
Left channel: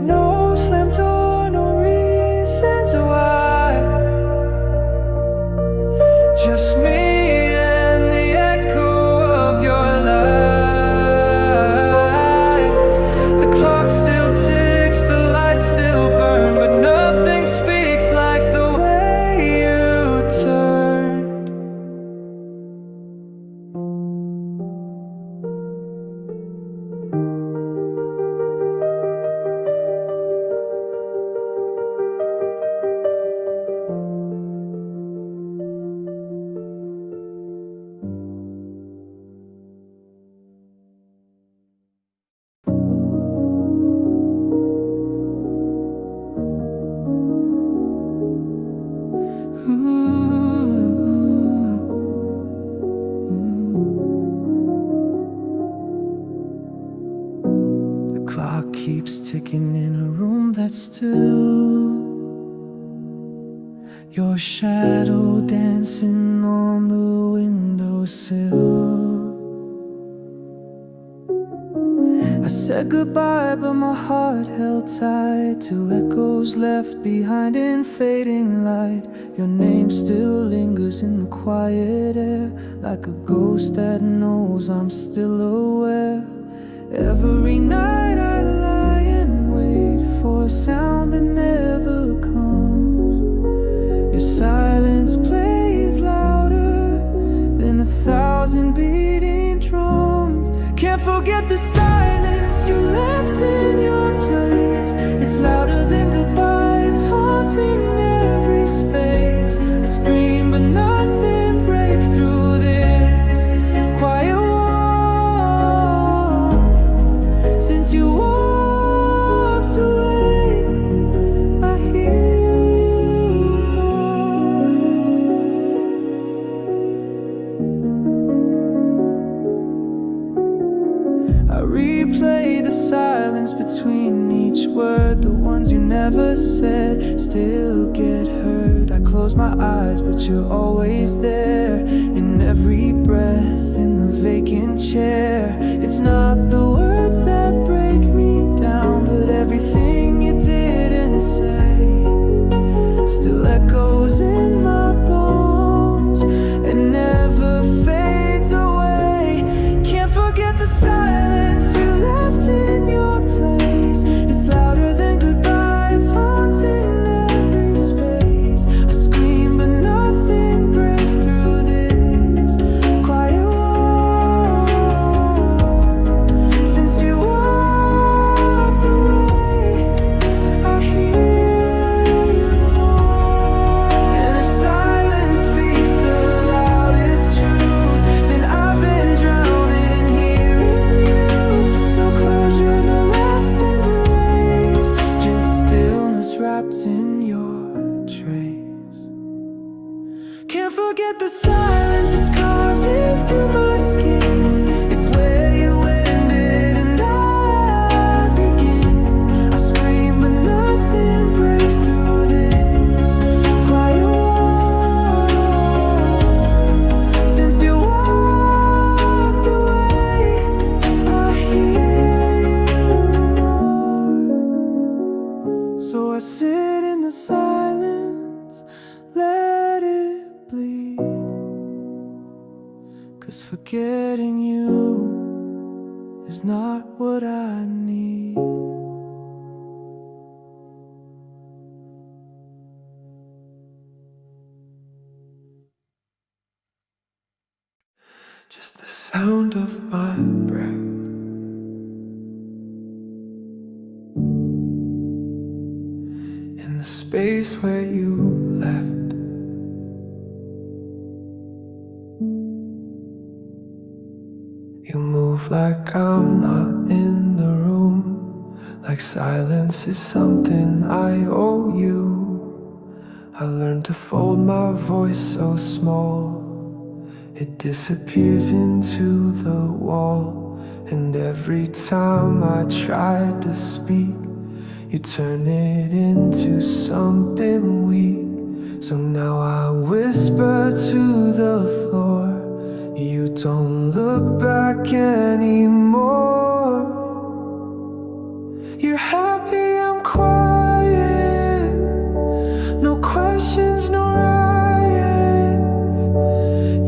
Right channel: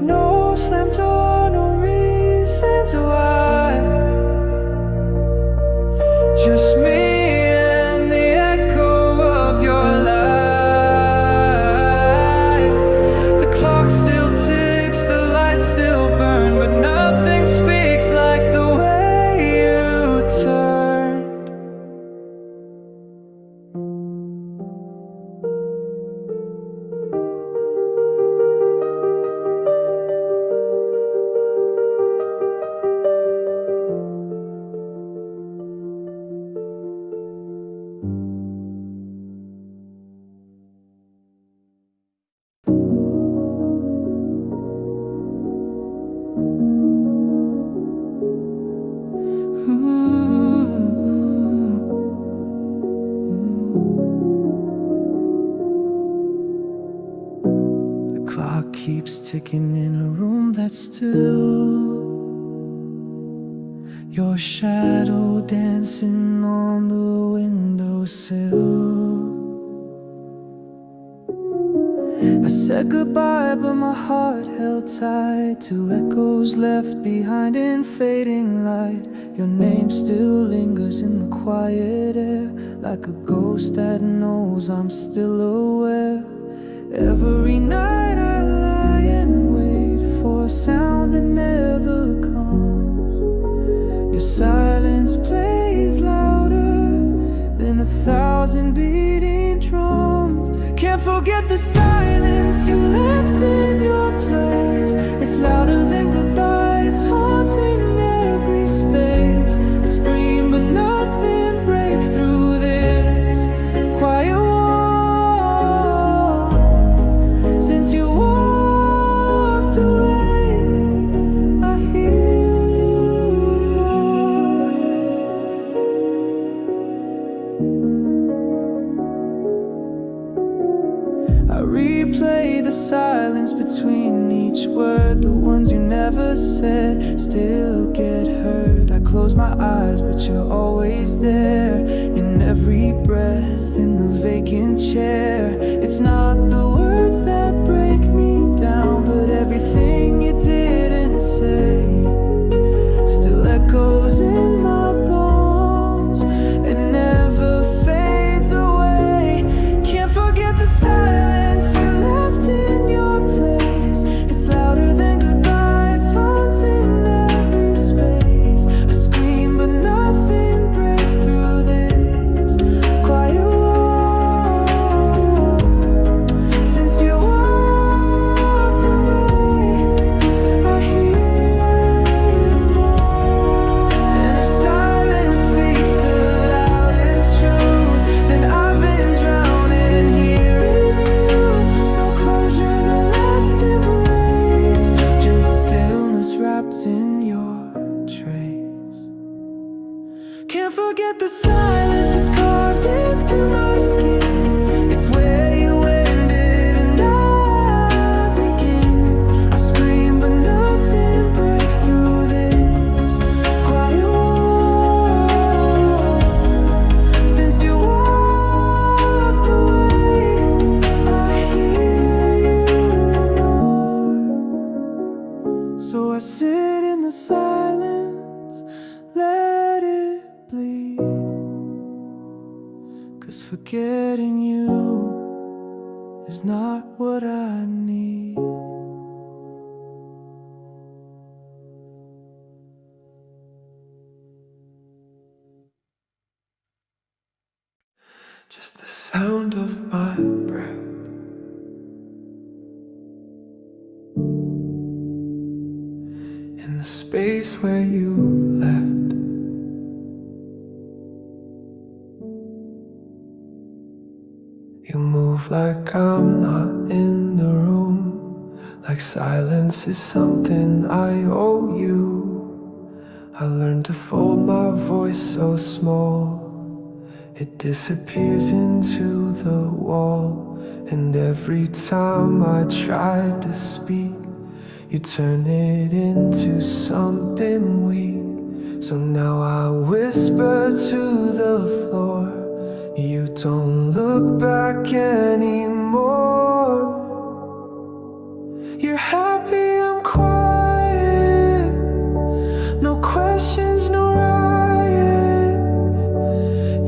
No slam door, no reasons why. Just me and the echo of your light. The clock still ticks, the lights still burn, but nothing speaks like the way you turn. The clock keeps ticking in a room that's still. Your shadow dancing on the windowsill. I said goodbye, but my heart held tight to echoes left behind in fading light. Your name still lingers in the quiet air, like a ghost that knows I'm still aware. Every night I lie and wait for a sound that never comes. Your silence plays louder than 1,000 beating drums. Can't forget the silence you left in your place. It's louder than goodbye, it's haunting every space. I scream but nothing breaks through this quiet wall. Since you walked away, I hear you more. I replay the silence between each word. The ones you never said still get heard. I close my eyes, but you're always there. In every breath, in the vacant chair. It's not the words that break me down, but everything you didn't say still echoes in my bones and never fades away. Can't forget the silence you left in your place. It's can't forget the silence, it's carved into my skin. It's where you ended and I begin. I scream but nothing breaks through this quiet wall. Since you walked away, I hear you more. So I sit in the silence, let it bleed. 'Cause forgetting you is not what I need. Just the sound of my breath, in the space where you left. You move like I'm not in the room, like silence is something I owe you. I learned to fold my voice so small, it disappears into the wall. And every time I try to speak, you turn it into something weak. So now I whisper to the floor, you don't look back anymore. You're happy I'm quiet, no questions, no riots.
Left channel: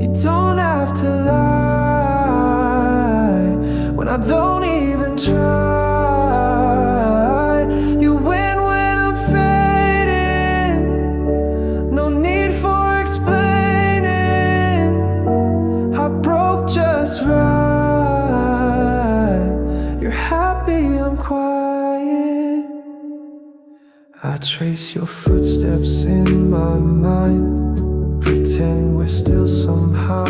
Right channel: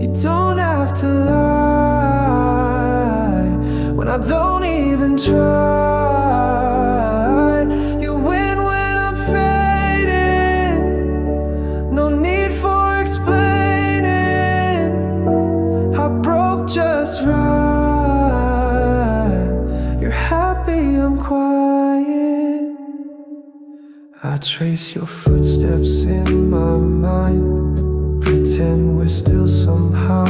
You don't have to lie when I don't even try. You win when I'm fading, no need for explaining. I broke just right. You're happy I'm quiet. I trace your footsteps in my mind, pretend we're still somehow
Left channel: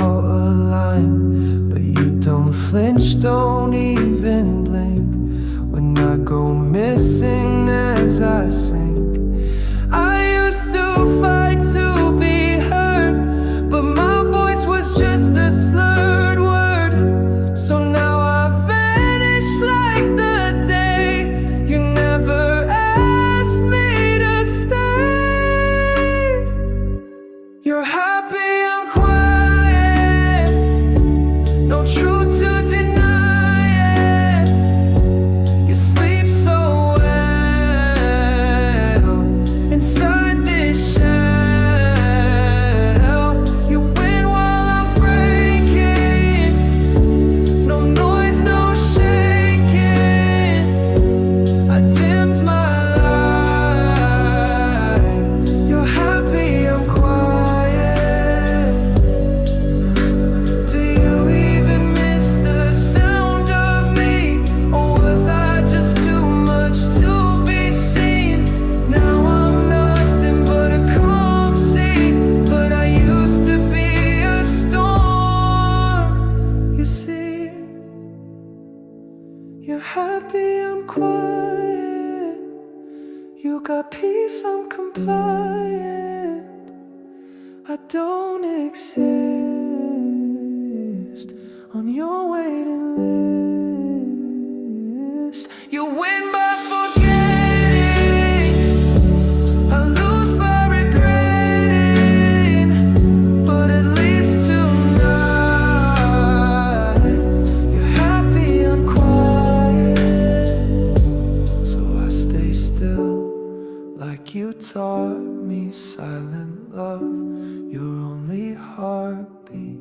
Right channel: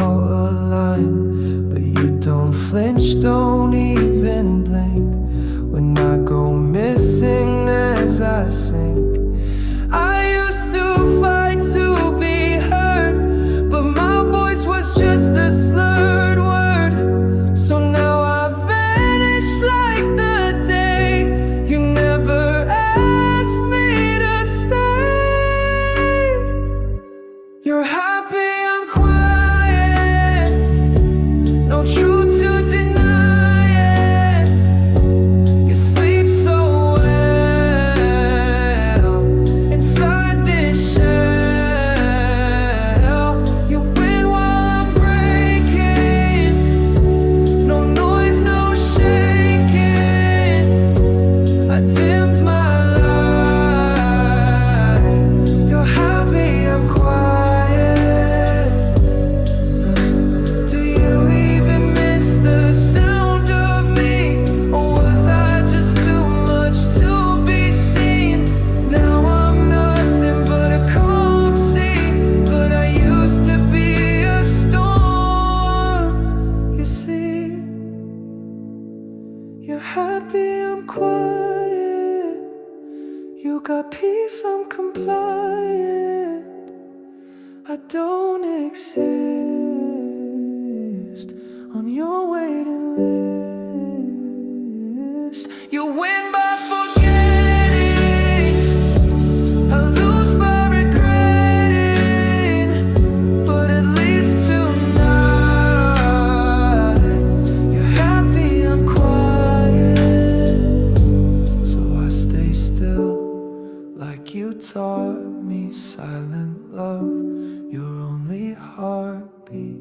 aligned. But you don't flinch, don't even blink when I go missing as I sink. I used to fight to be heard, but my voice was just a slurred word. So now I vanish like the day you never asked me to stay. You're happy I'm quiet, no truth to deny it. You sleep so well inside this shell. You win while I'm breaking, no noise, no shaking. I dimmed my light. You're happy I'm quiet. Do you even miss the sound of me, or was I just too much to be seen? Now I'm nothing but a calm sea, but I used to be a storm. You see, you're happy I'm quiet. You got peace, I'm compliant. I don't exist on your waiting list. You win by forgetting, I lose by regretting. But at least tonight, you're happy I'm quiet. So I stay still like you taught me, silent love, your only heartbeat.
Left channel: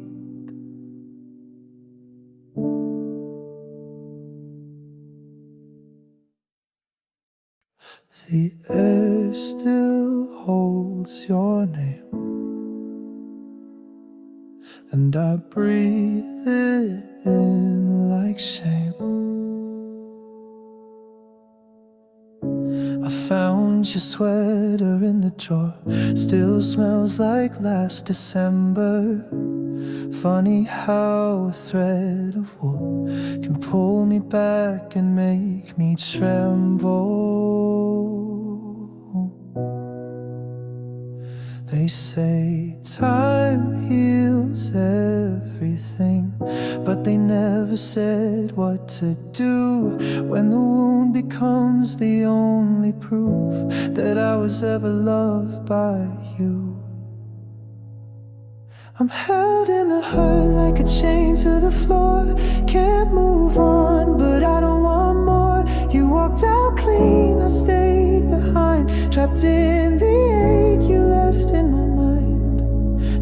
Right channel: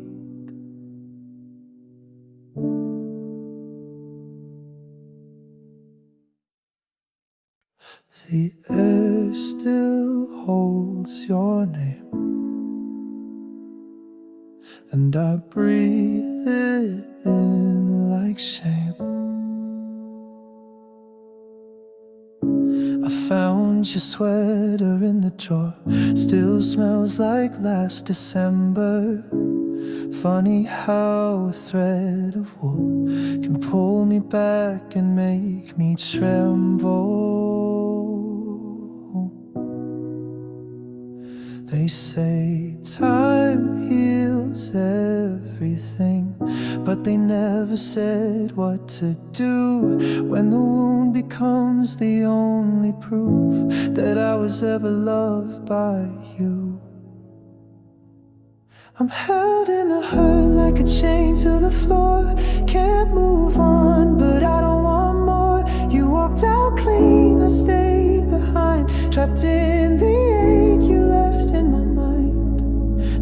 The air still holds your name, and I breathe it in like shame. I found your sweater in the drawer, still smells like last December. Funny how a thread of wool can pull me back and make me tremble. They say time heals everything, but they never said what to do when the wound becomes the only proof that I was ever loved by you. I'm held in the hurt like a chain to the floor. Can't move on, but I don't want more. You walked out clean, I stayed behind, trapped in the ache you left in my mind.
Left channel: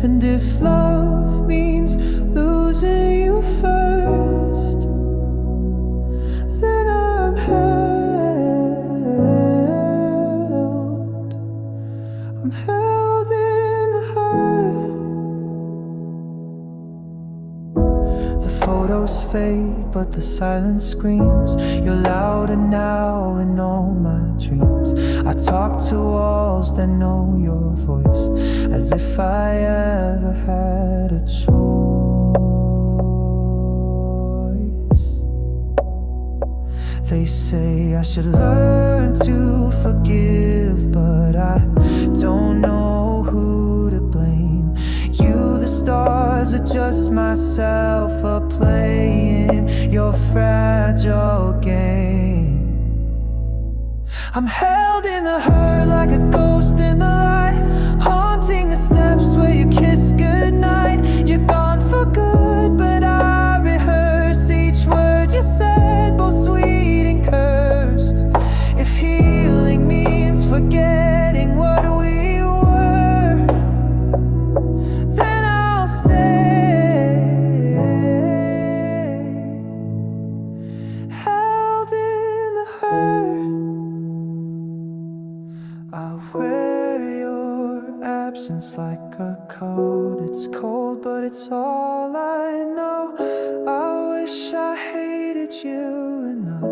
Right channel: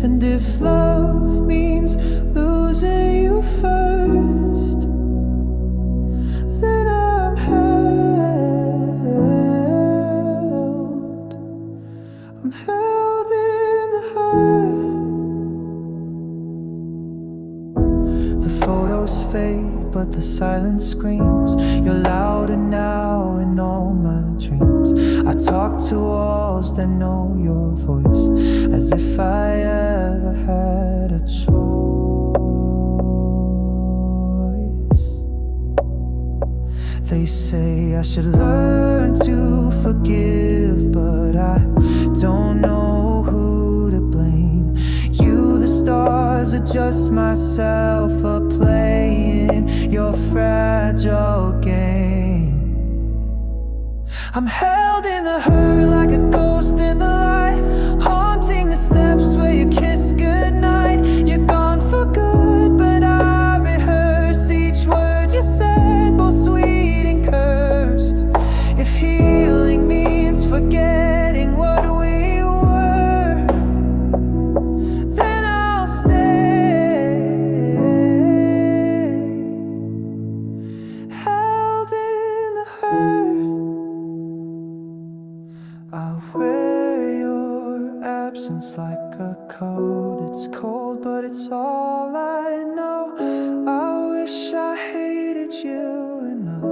And if love means losing you first, then I'm held. I'm held in the hurt. The photos fade, but the silence screams. You're louder now in all my dreams. I talk to walls that know your voice, as if I ever had a choice. They say I should learn to forgive, but I don't know who to blame. You, the stars, are just myself playing your fragile game. I'm held in the hurt like a ghost in the light, haunting the steps where you kiss goodnight. You're gone for good, but I rehearse each word you said, both sweet and cursed. If healing means forgetting what we were, then I'll stay held in the hurt. I wear your absence like a coat. It's cold, but it's all I know. I wish I hated you enough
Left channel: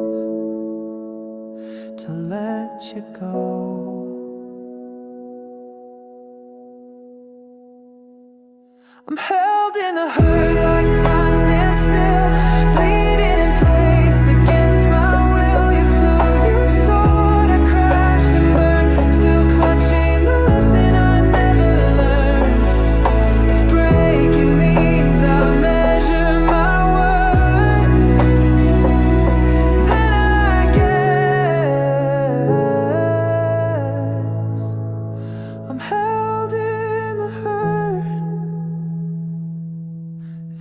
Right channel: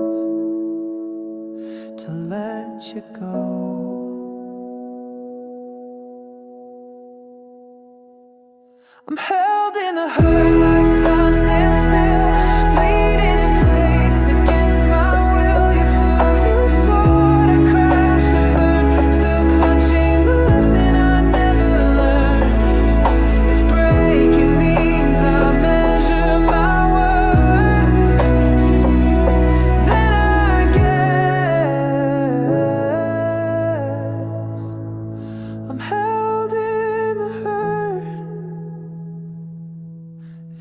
to let you go. I'm held in the hurt like time stands still, bleeding in place against my will. You flew, you soared, I crashed and burned, still clutching the lesson I never learned. If breaking means I measure my worth, then I guess I'm held in the hurt.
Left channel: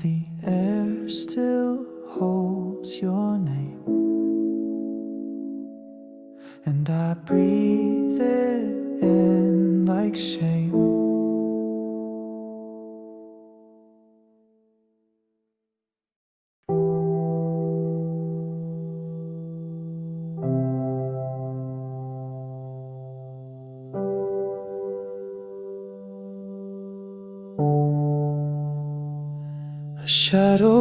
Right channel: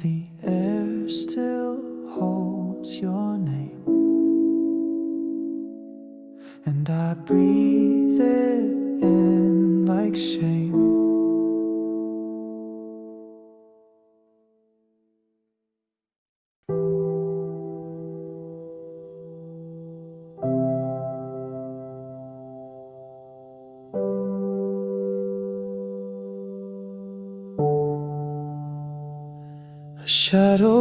The air still holds your name, and I breathe it in like shame. A shadow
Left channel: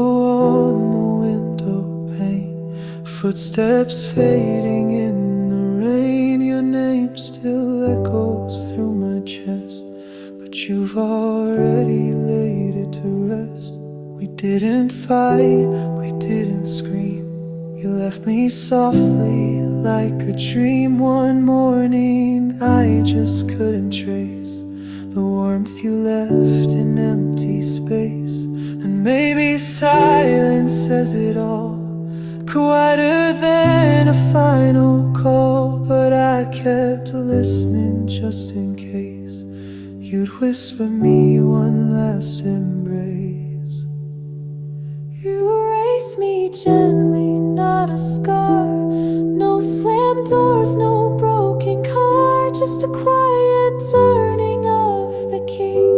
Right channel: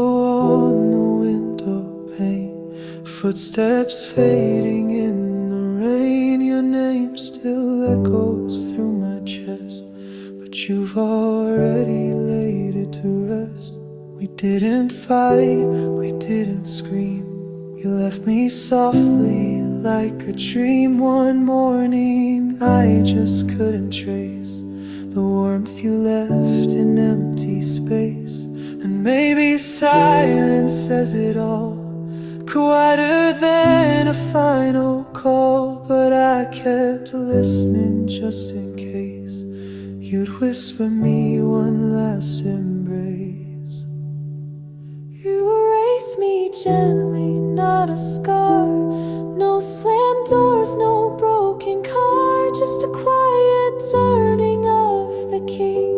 on the window pane, footsteps fading in the rain. Your name still echoes through my chest, but you've already laid it to rest. We didn't fight, we didn't scream. You left me softly like a dream. One morning I just couldn't trace the warmth you left in empty space. And maybe silence says it all, quieter than a final call. But I kept listening just in case you'd whisper me one last embrace. You erase me gently, not a scar. No slammed doors, no broken car, just a quiet turning of the key,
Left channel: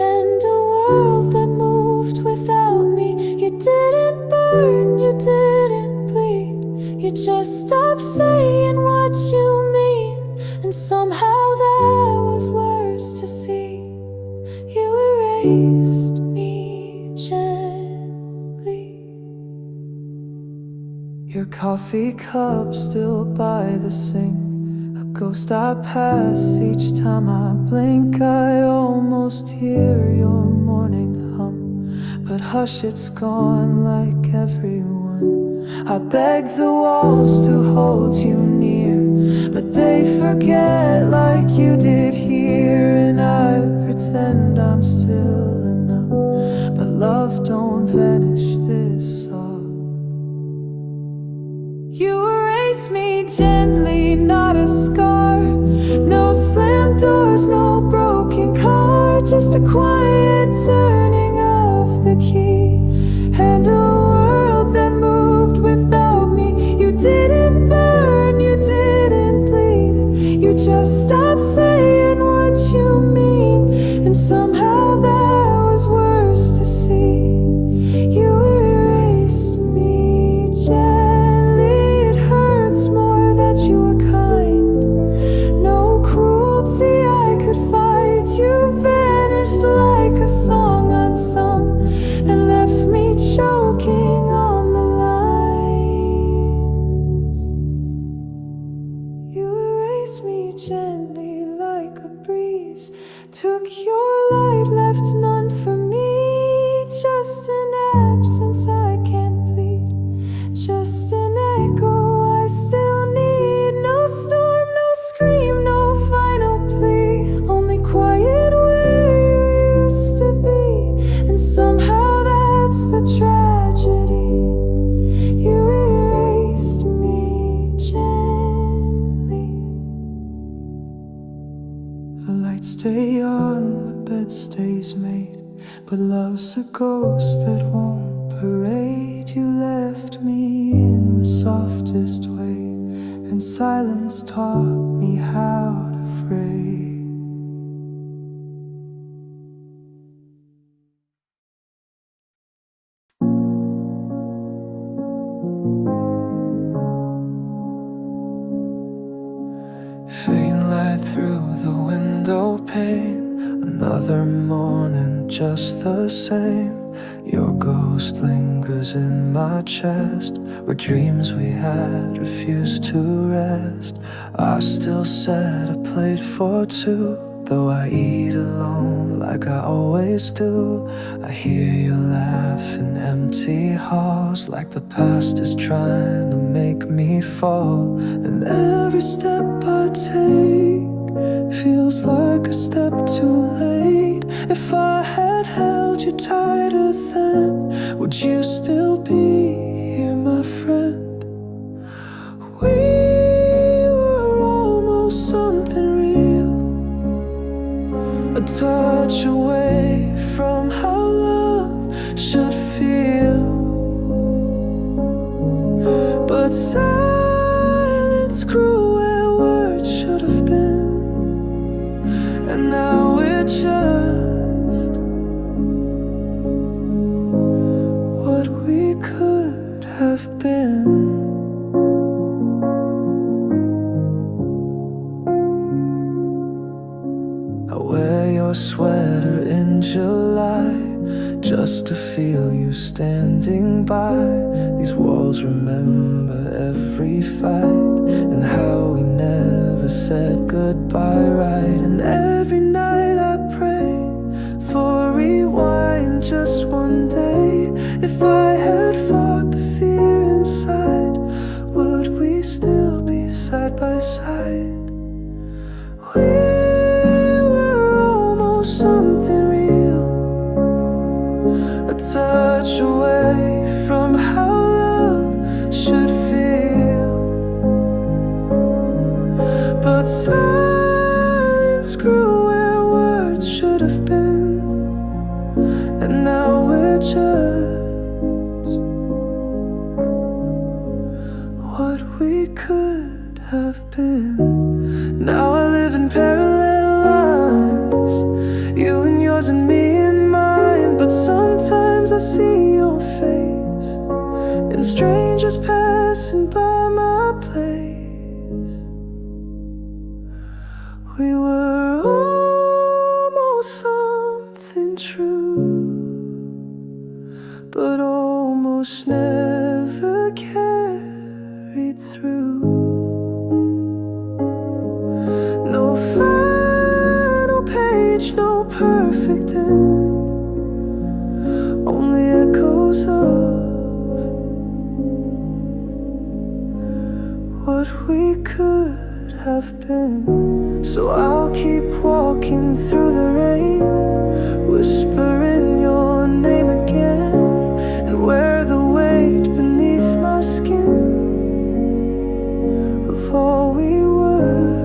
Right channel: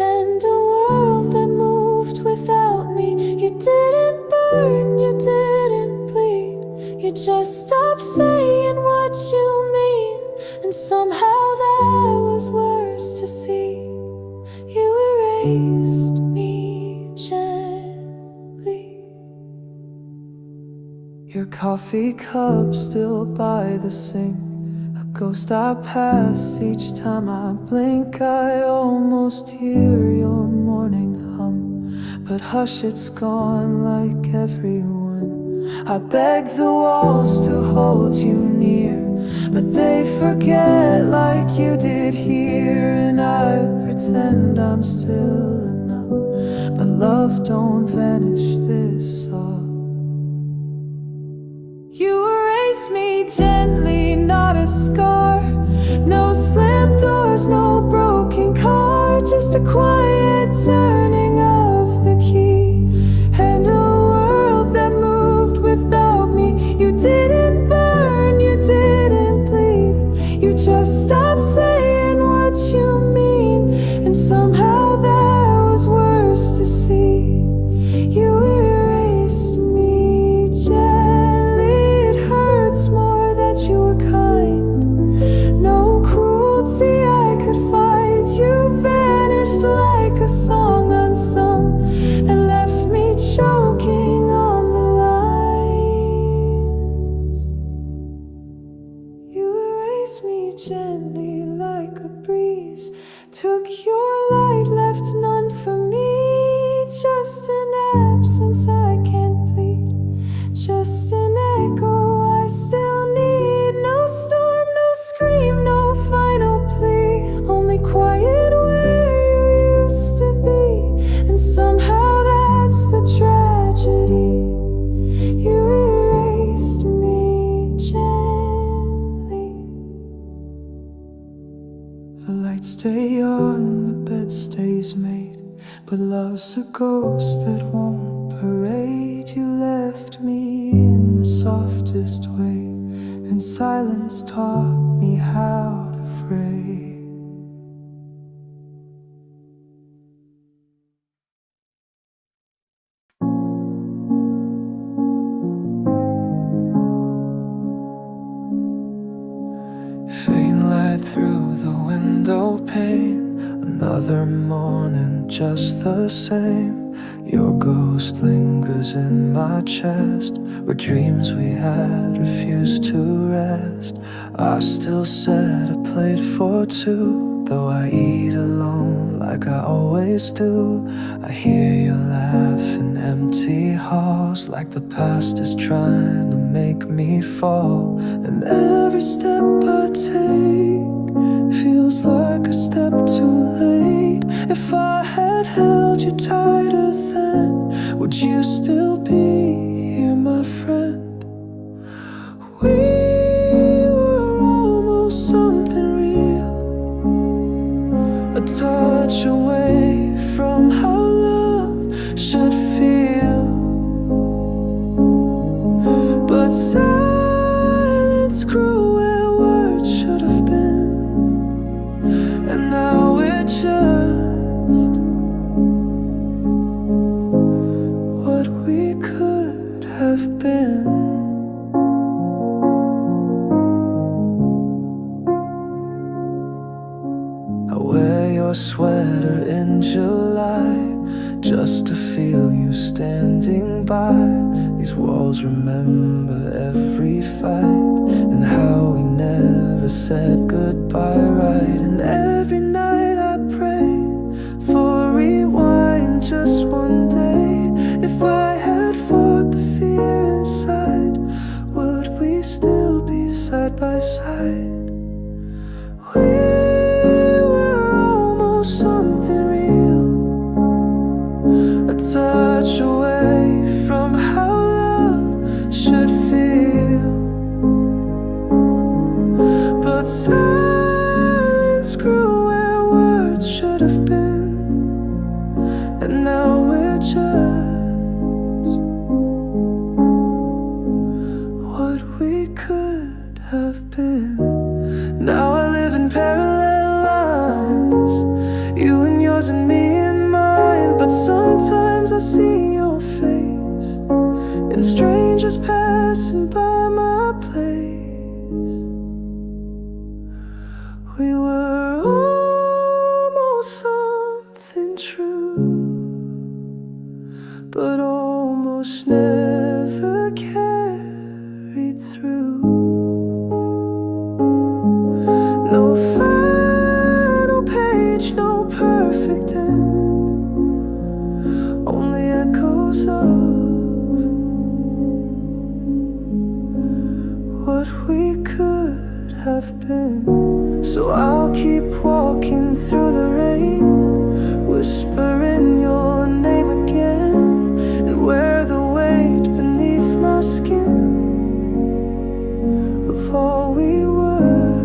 and a world that moved without me. You didn't burn, you didn't bleed, you just stopped saying what you mean. And somehow that was worse to see. You erased me gently. Your coffee cup still by the sink, a ghost I pass each time I blink. I almost hear your morning hum, but hush, it's gone like everyone. I beg the walls to hold you near, but they forget like you did here. And I pretend I'm still enough, but love don't vanish this off. You erase me gently, not a scar. No slammed doors, no broken car, just a quiet turning of the key, and a world that moved without me. You didn't burn, you didn't bleed, you just stopped saying what you mean. And somehow that was worse to see. You erased me gently. It hurts more that you were kind. No cruelty I could fight. You vanished like a song unsung, and left me choking on the lines. You erased me gently like a breeze, took your light, left none for me. Just an absence I can't plead, just an echo I still need. No storm, no scream, no final plea, only quiet where you used to be. And somehow that's the tragedy. You erased me gently. The lights stay on, the bed stays made, but love's a ghost that won't parade. You left me in the softest way, and silence taught me how to pray. Faint light through the window pane, another morning just the same. Your ghost lingers in my chest, where dreams we had refused to rest. I still set a plate for two, though I eat alone like I always do. I hear you laugh in empty halls, like the past is trying to make me fall. And every step I take feels like a step too late. If I had held you tighter then, would you still be here, my friend? We were almost something real, a touch away from how love should feel. But silence grew where words should have been, and now we're just what we could have been. I wear your sweater in July, just to feel you standing by. These walls remember every fight, and how we never said goodbye right. And every night I pray for a rewind, just one day. If I had fought the fear inside, would we still be side by side? We were almost something real, a touch away from how love should feel. But silence grew where words should have been, and now we're just what we could have been. Now I live in parallel lines, you and yours and me and mine. But sometimes I see your face in strangers passing by my place. We were almost something true, but almost never carried through. No final page, no perfect end, only echoes of what we could have been. So I'll keep walking through the rain, whispering your name again, and wear the weight beneath my skin of all we were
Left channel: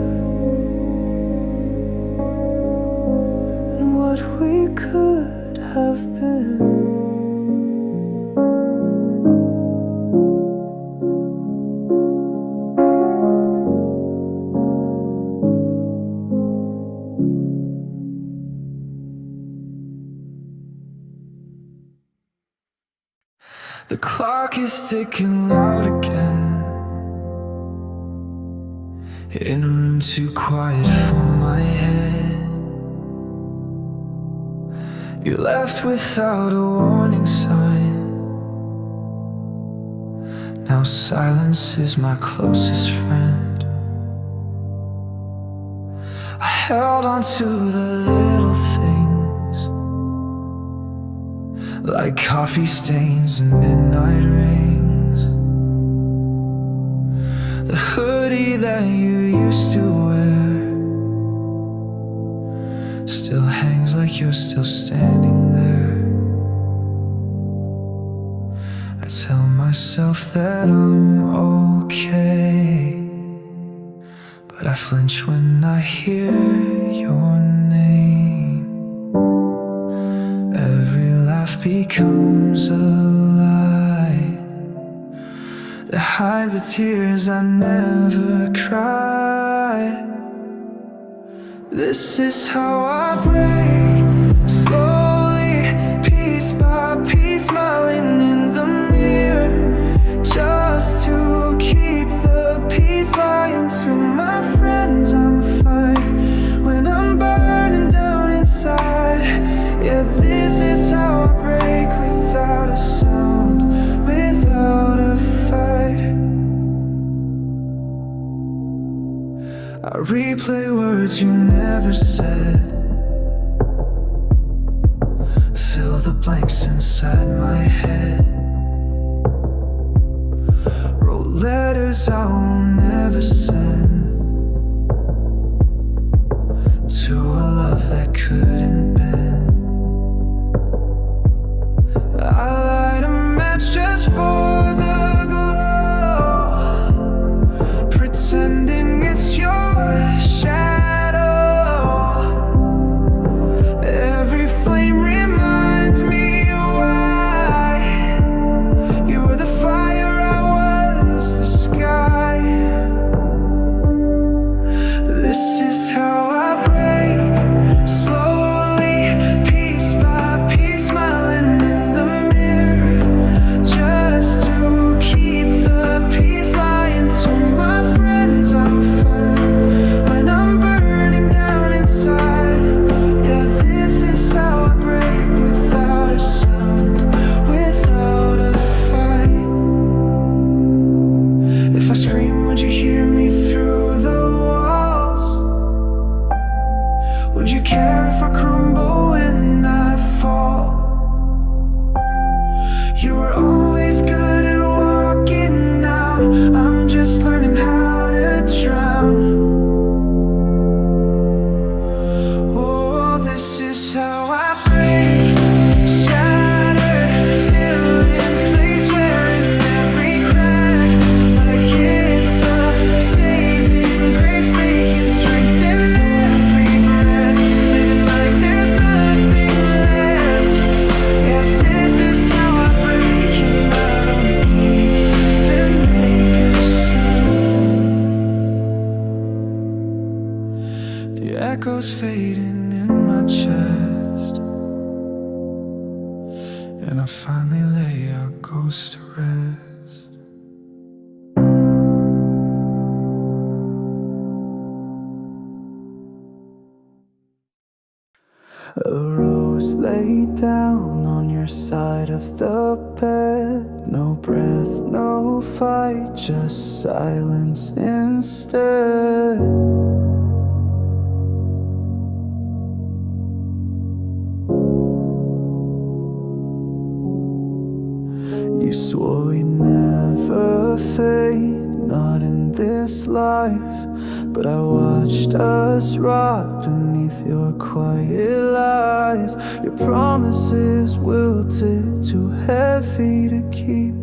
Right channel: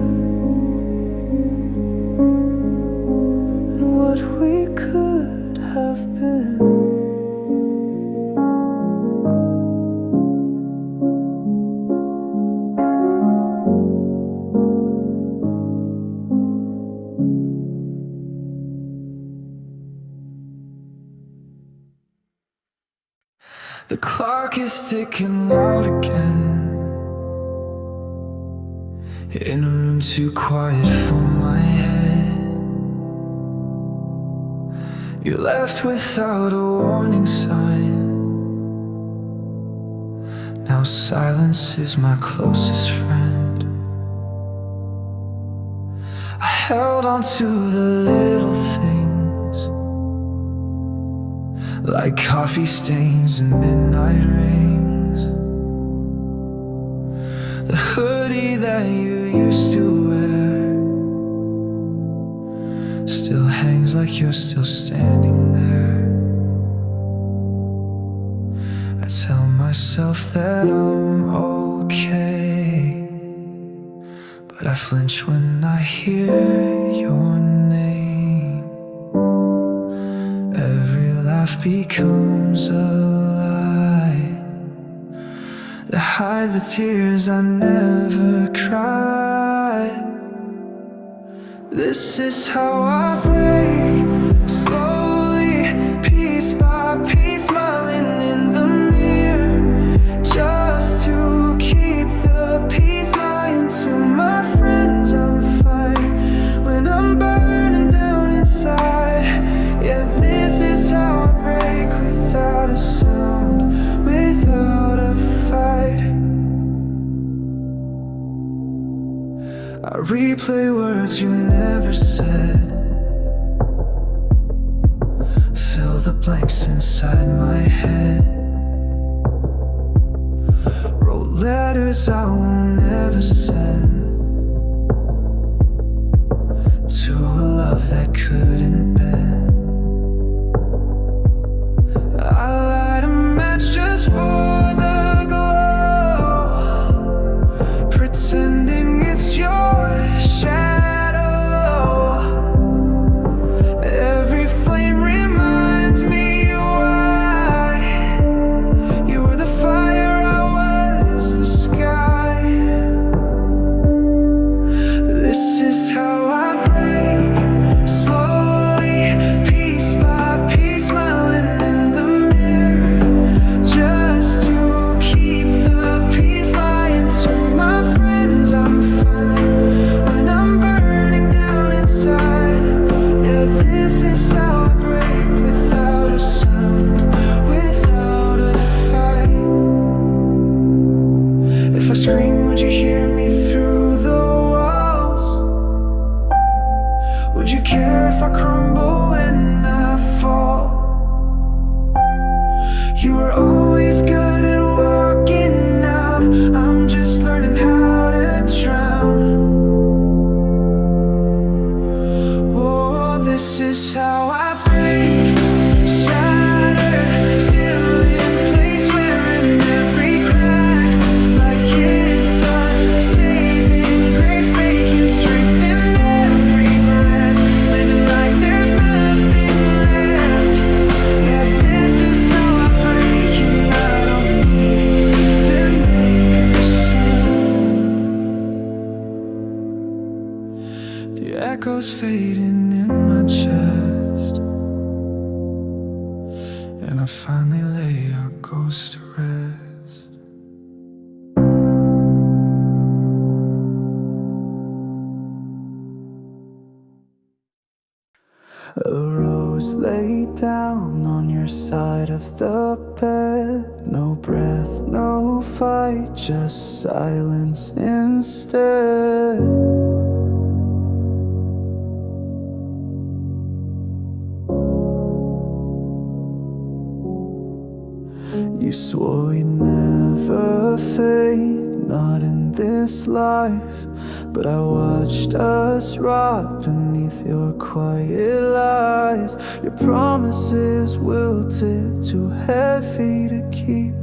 and what we could have been. The clock is ticking loud again, in a room too quiet for my head. You left without a warning sign. Now silence is my closest friend. I held on to the little things, like coffee stains and midnight rings. The hoodie that you used to wear still hangs like you're still standing there. I tell myself that I'm okay, but I flinch when I hear your name. Every laugh becomes a lie that hides the tears I never cried. This is how I break, slowly, piece by piece, smiling in the mirror, just to keep the peace. Lying to my friends I'm fine when I'm burning down inside. Yeah, this is how I break, without a sound, without a fight. I replay words you never said, fill the blanks inside my head. Wrote letters I will never send to a love that couldn't bend. I light a match just for the glow, pretending it's your shadow. Every flame reminds me why you were the fire, I was the sky. This is how I break, slowly, piece by piece, smiling in the mirror, just to keep the peace. Lying to my friends I'm fine when I'm burning down inside. Yeah, this is how I break, without a sound, without a fight. If I scream, would you hear me through the walls? Would you care if I crumble when I fall? You were always good at walking out, I'm just learning how to drown. Oh, this is how I break, shattered, still in place, wearing every crack like it's a saving grace, faking strength in every breath, living like there's nothing left. Yeah, this is how I break, and I don't even make a sound. The echoes fading in my chest, and I finally lay our ghost to rest. A rose laid down on your side of the bed. No breath, no fight, just silence instead. You swore we'd never fade, not in this life. But I watched us rot beneath your quiet lies. Your promises wilted, too heavy to keep.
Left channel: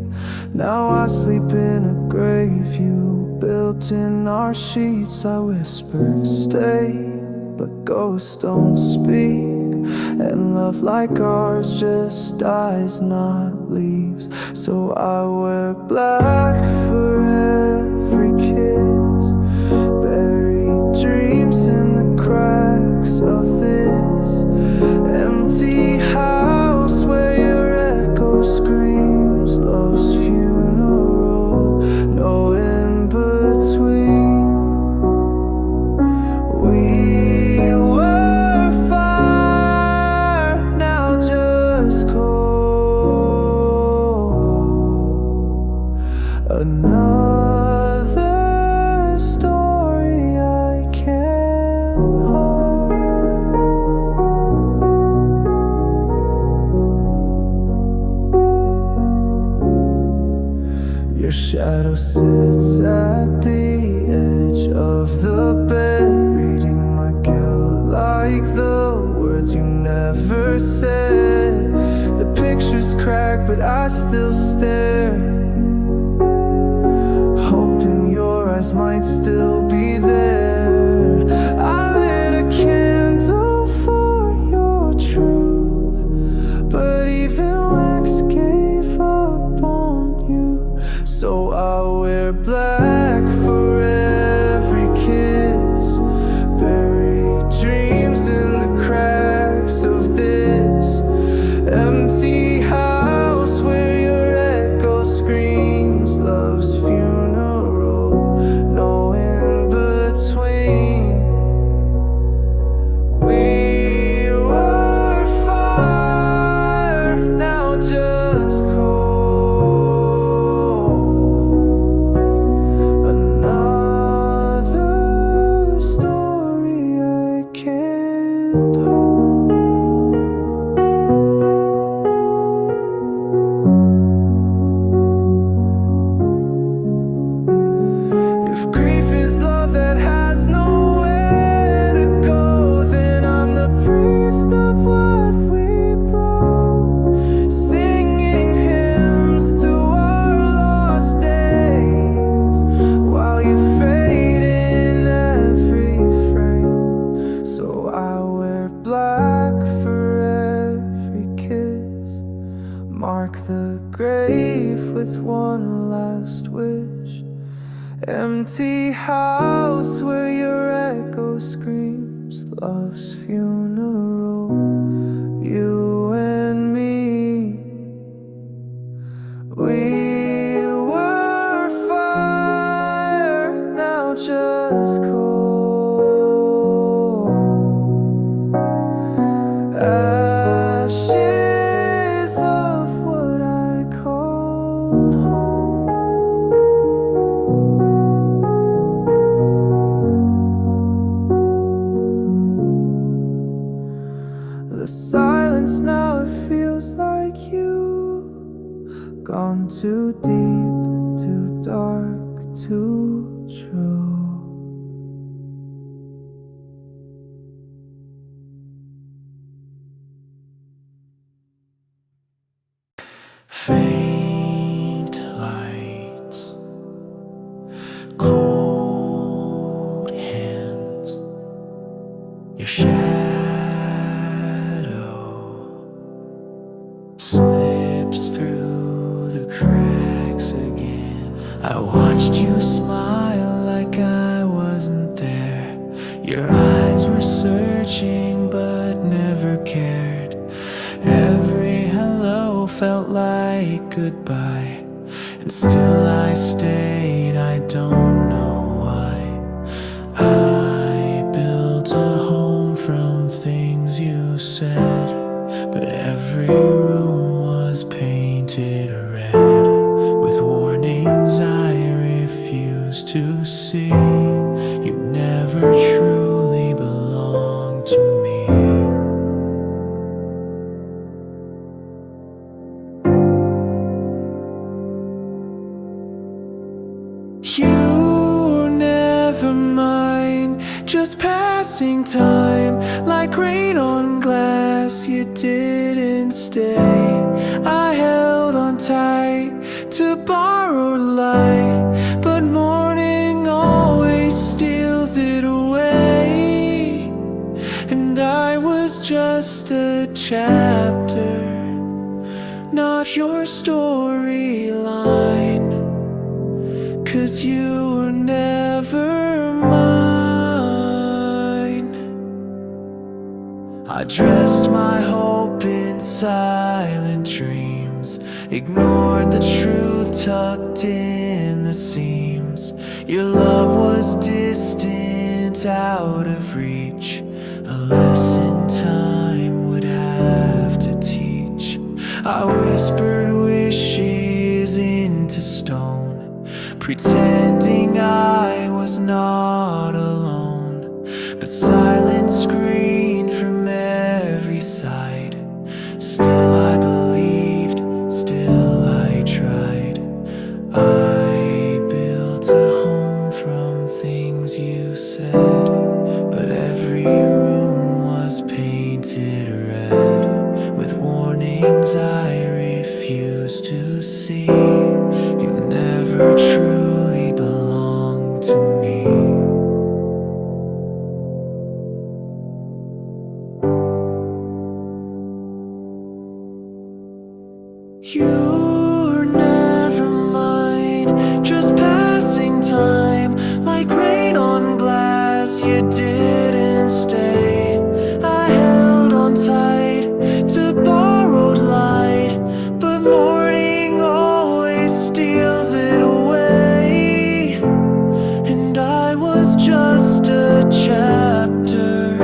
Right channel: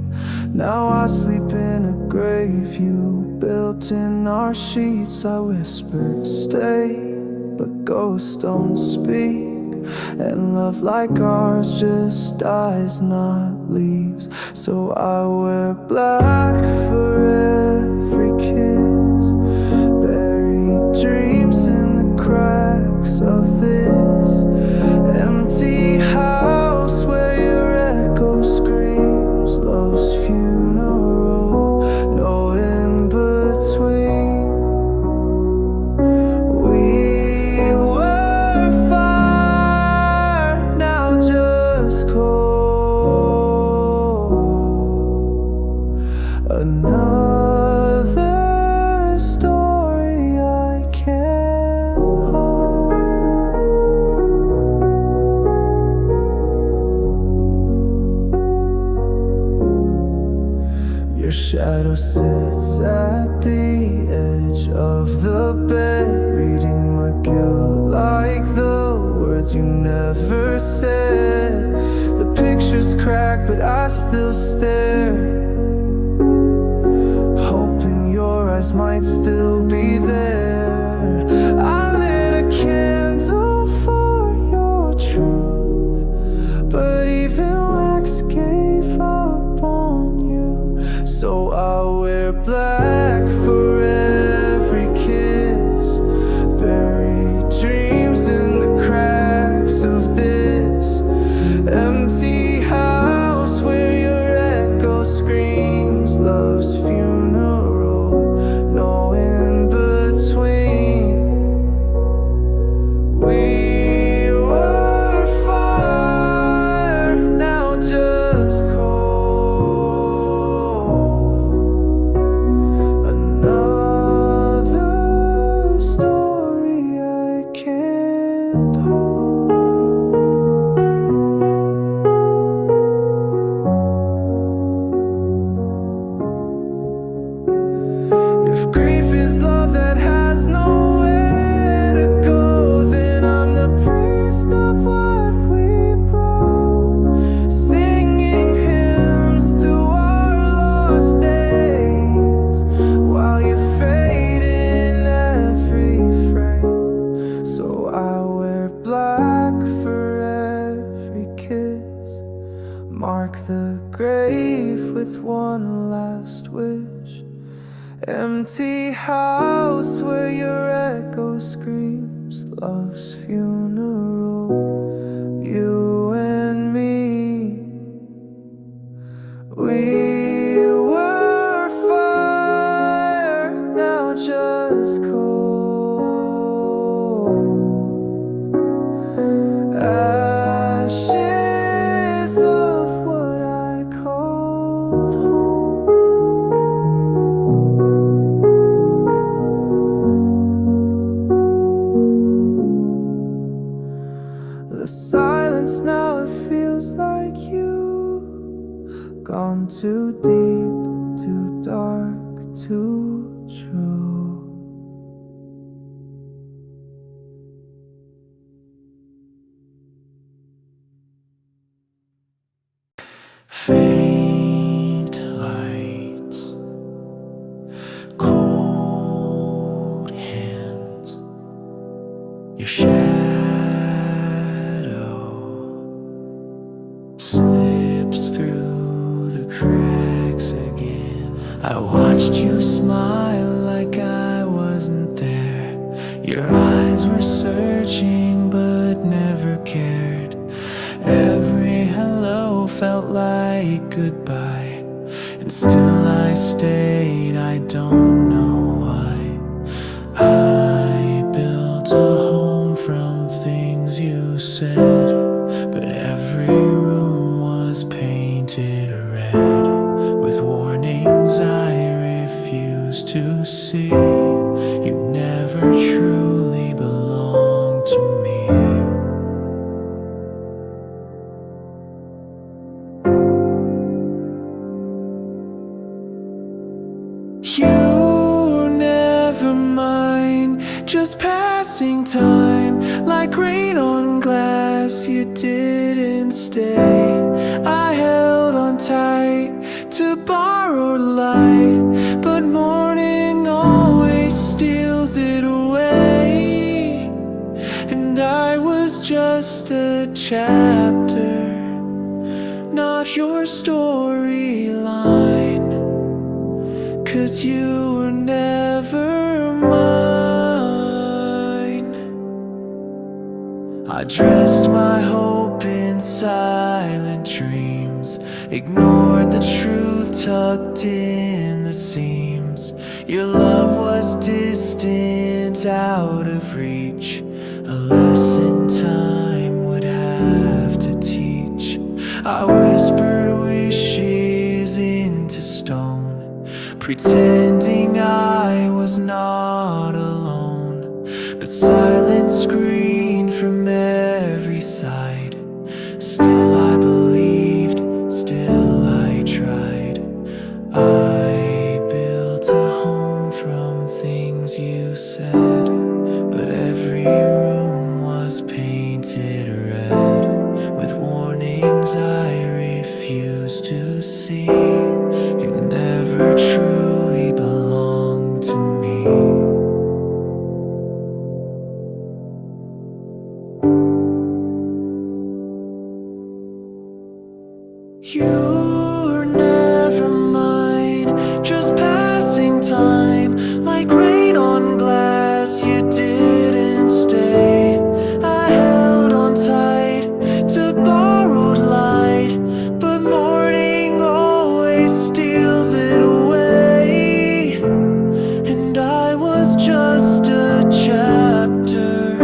Now I sleep in a grave you built in our sheets. I whispered stay, but ghosts don't speak. And love like ours just dies, not leaves. So I wear black for every kiss, buried dreams in the cracks of this empty house where your echo screams love's funeral, no in between. We were fire, now just cold. Another story I can't hold. Your shadow sits at the edge of the bed, reading my guilt like the words you never said. The picture's cracked, but I still stare, hoping your eyes might still be there. I lit a candle for your truth, but even wax gave up on you. So I wear black for every kiss, buried dreams in the cracks of this empty house where your echo screams love's funeral, no in between. We were fire, now just cold. Another story I can't hold. If grief is love that has nowhere to go, then I'm the priest of what we broke, singing hymns to our lost days, while you fade in every frame. So I wear black for every kiss, mark the grave with one last wish. Empty house where your echo screams love's funeral, you and me. We were fire, now just cold. Ashes of what I called home. The silence now, it feels like you gone too deep, too dark, too true. Faint lights, cold hands, your shadow slips through the cracks again. I watched you smile like I wasn't there. Your eyes were searching but never cared. Every hello felt like goodbye, and still I stayed. I don't know why. I built a home from things you said, but every room was painted red with warnings I refused to see. You never truly belonged to me. just passing time, like rain on glass. You didn't stay. I held on tight to borrowed light, but morning always steals it away. And I was just a chapter, not your storyline, 'cause you were never mine. I dressed my hope in silent dreams, ignored the truth tucked in the seams. Your love was distant, out of reach, a lesson time would have to teach. I whispered wishes into stone, pretending I was not alone. But silence screamed from every side. Still I believed, still I tried. I built a home from things you said, but every room was painted red with warnings I refused to see. You never truly belonged to me. You're never mine, just passing time, like rain on glass. You didn't stay. I held on tight to borrowed light, but morning always steals it away. And I was just a chapter,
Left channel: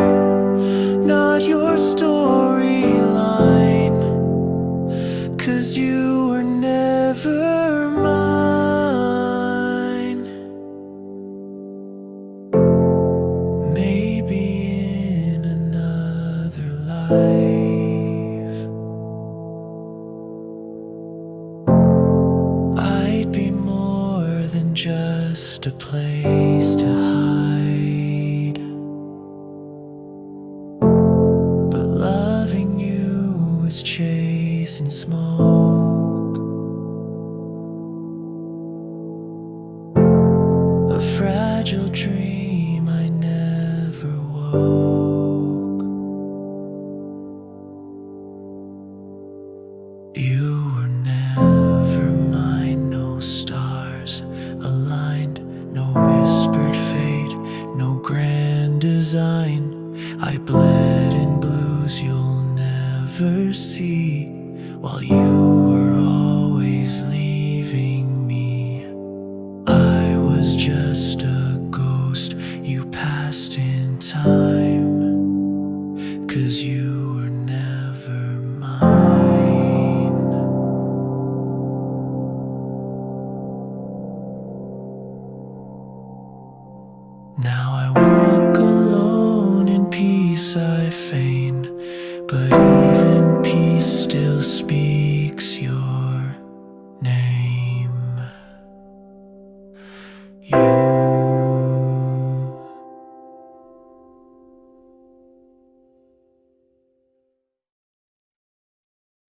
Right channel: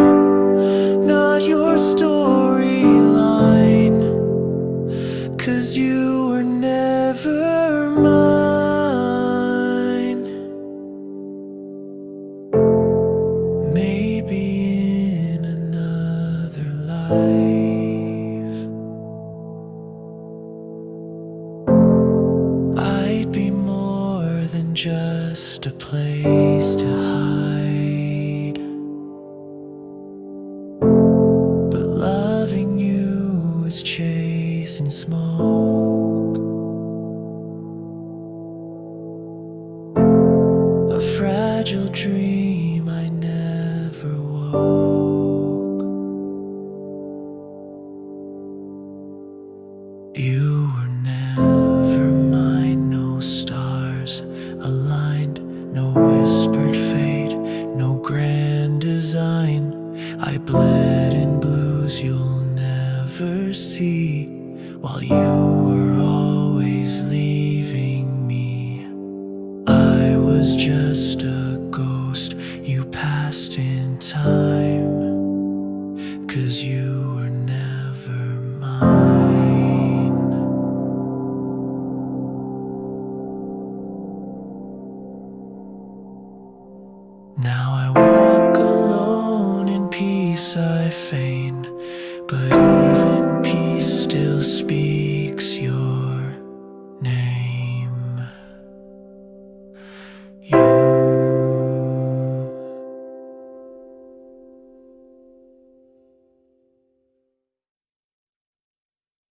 not your storyline, 'cause you were never mine. Maybe in another life I'd be more than just a place to hide. But loving you is chasing smoke, a fragile dream I never woke. You were never mine, no stars aligned, no whispered fate, no grand design. I bled in blues you'll never see, while you were always leaving me. I was just a ghost you passed in time, 'cause you were never mine. Now I walk alone, in peace I feign, but even peace still speaks your name.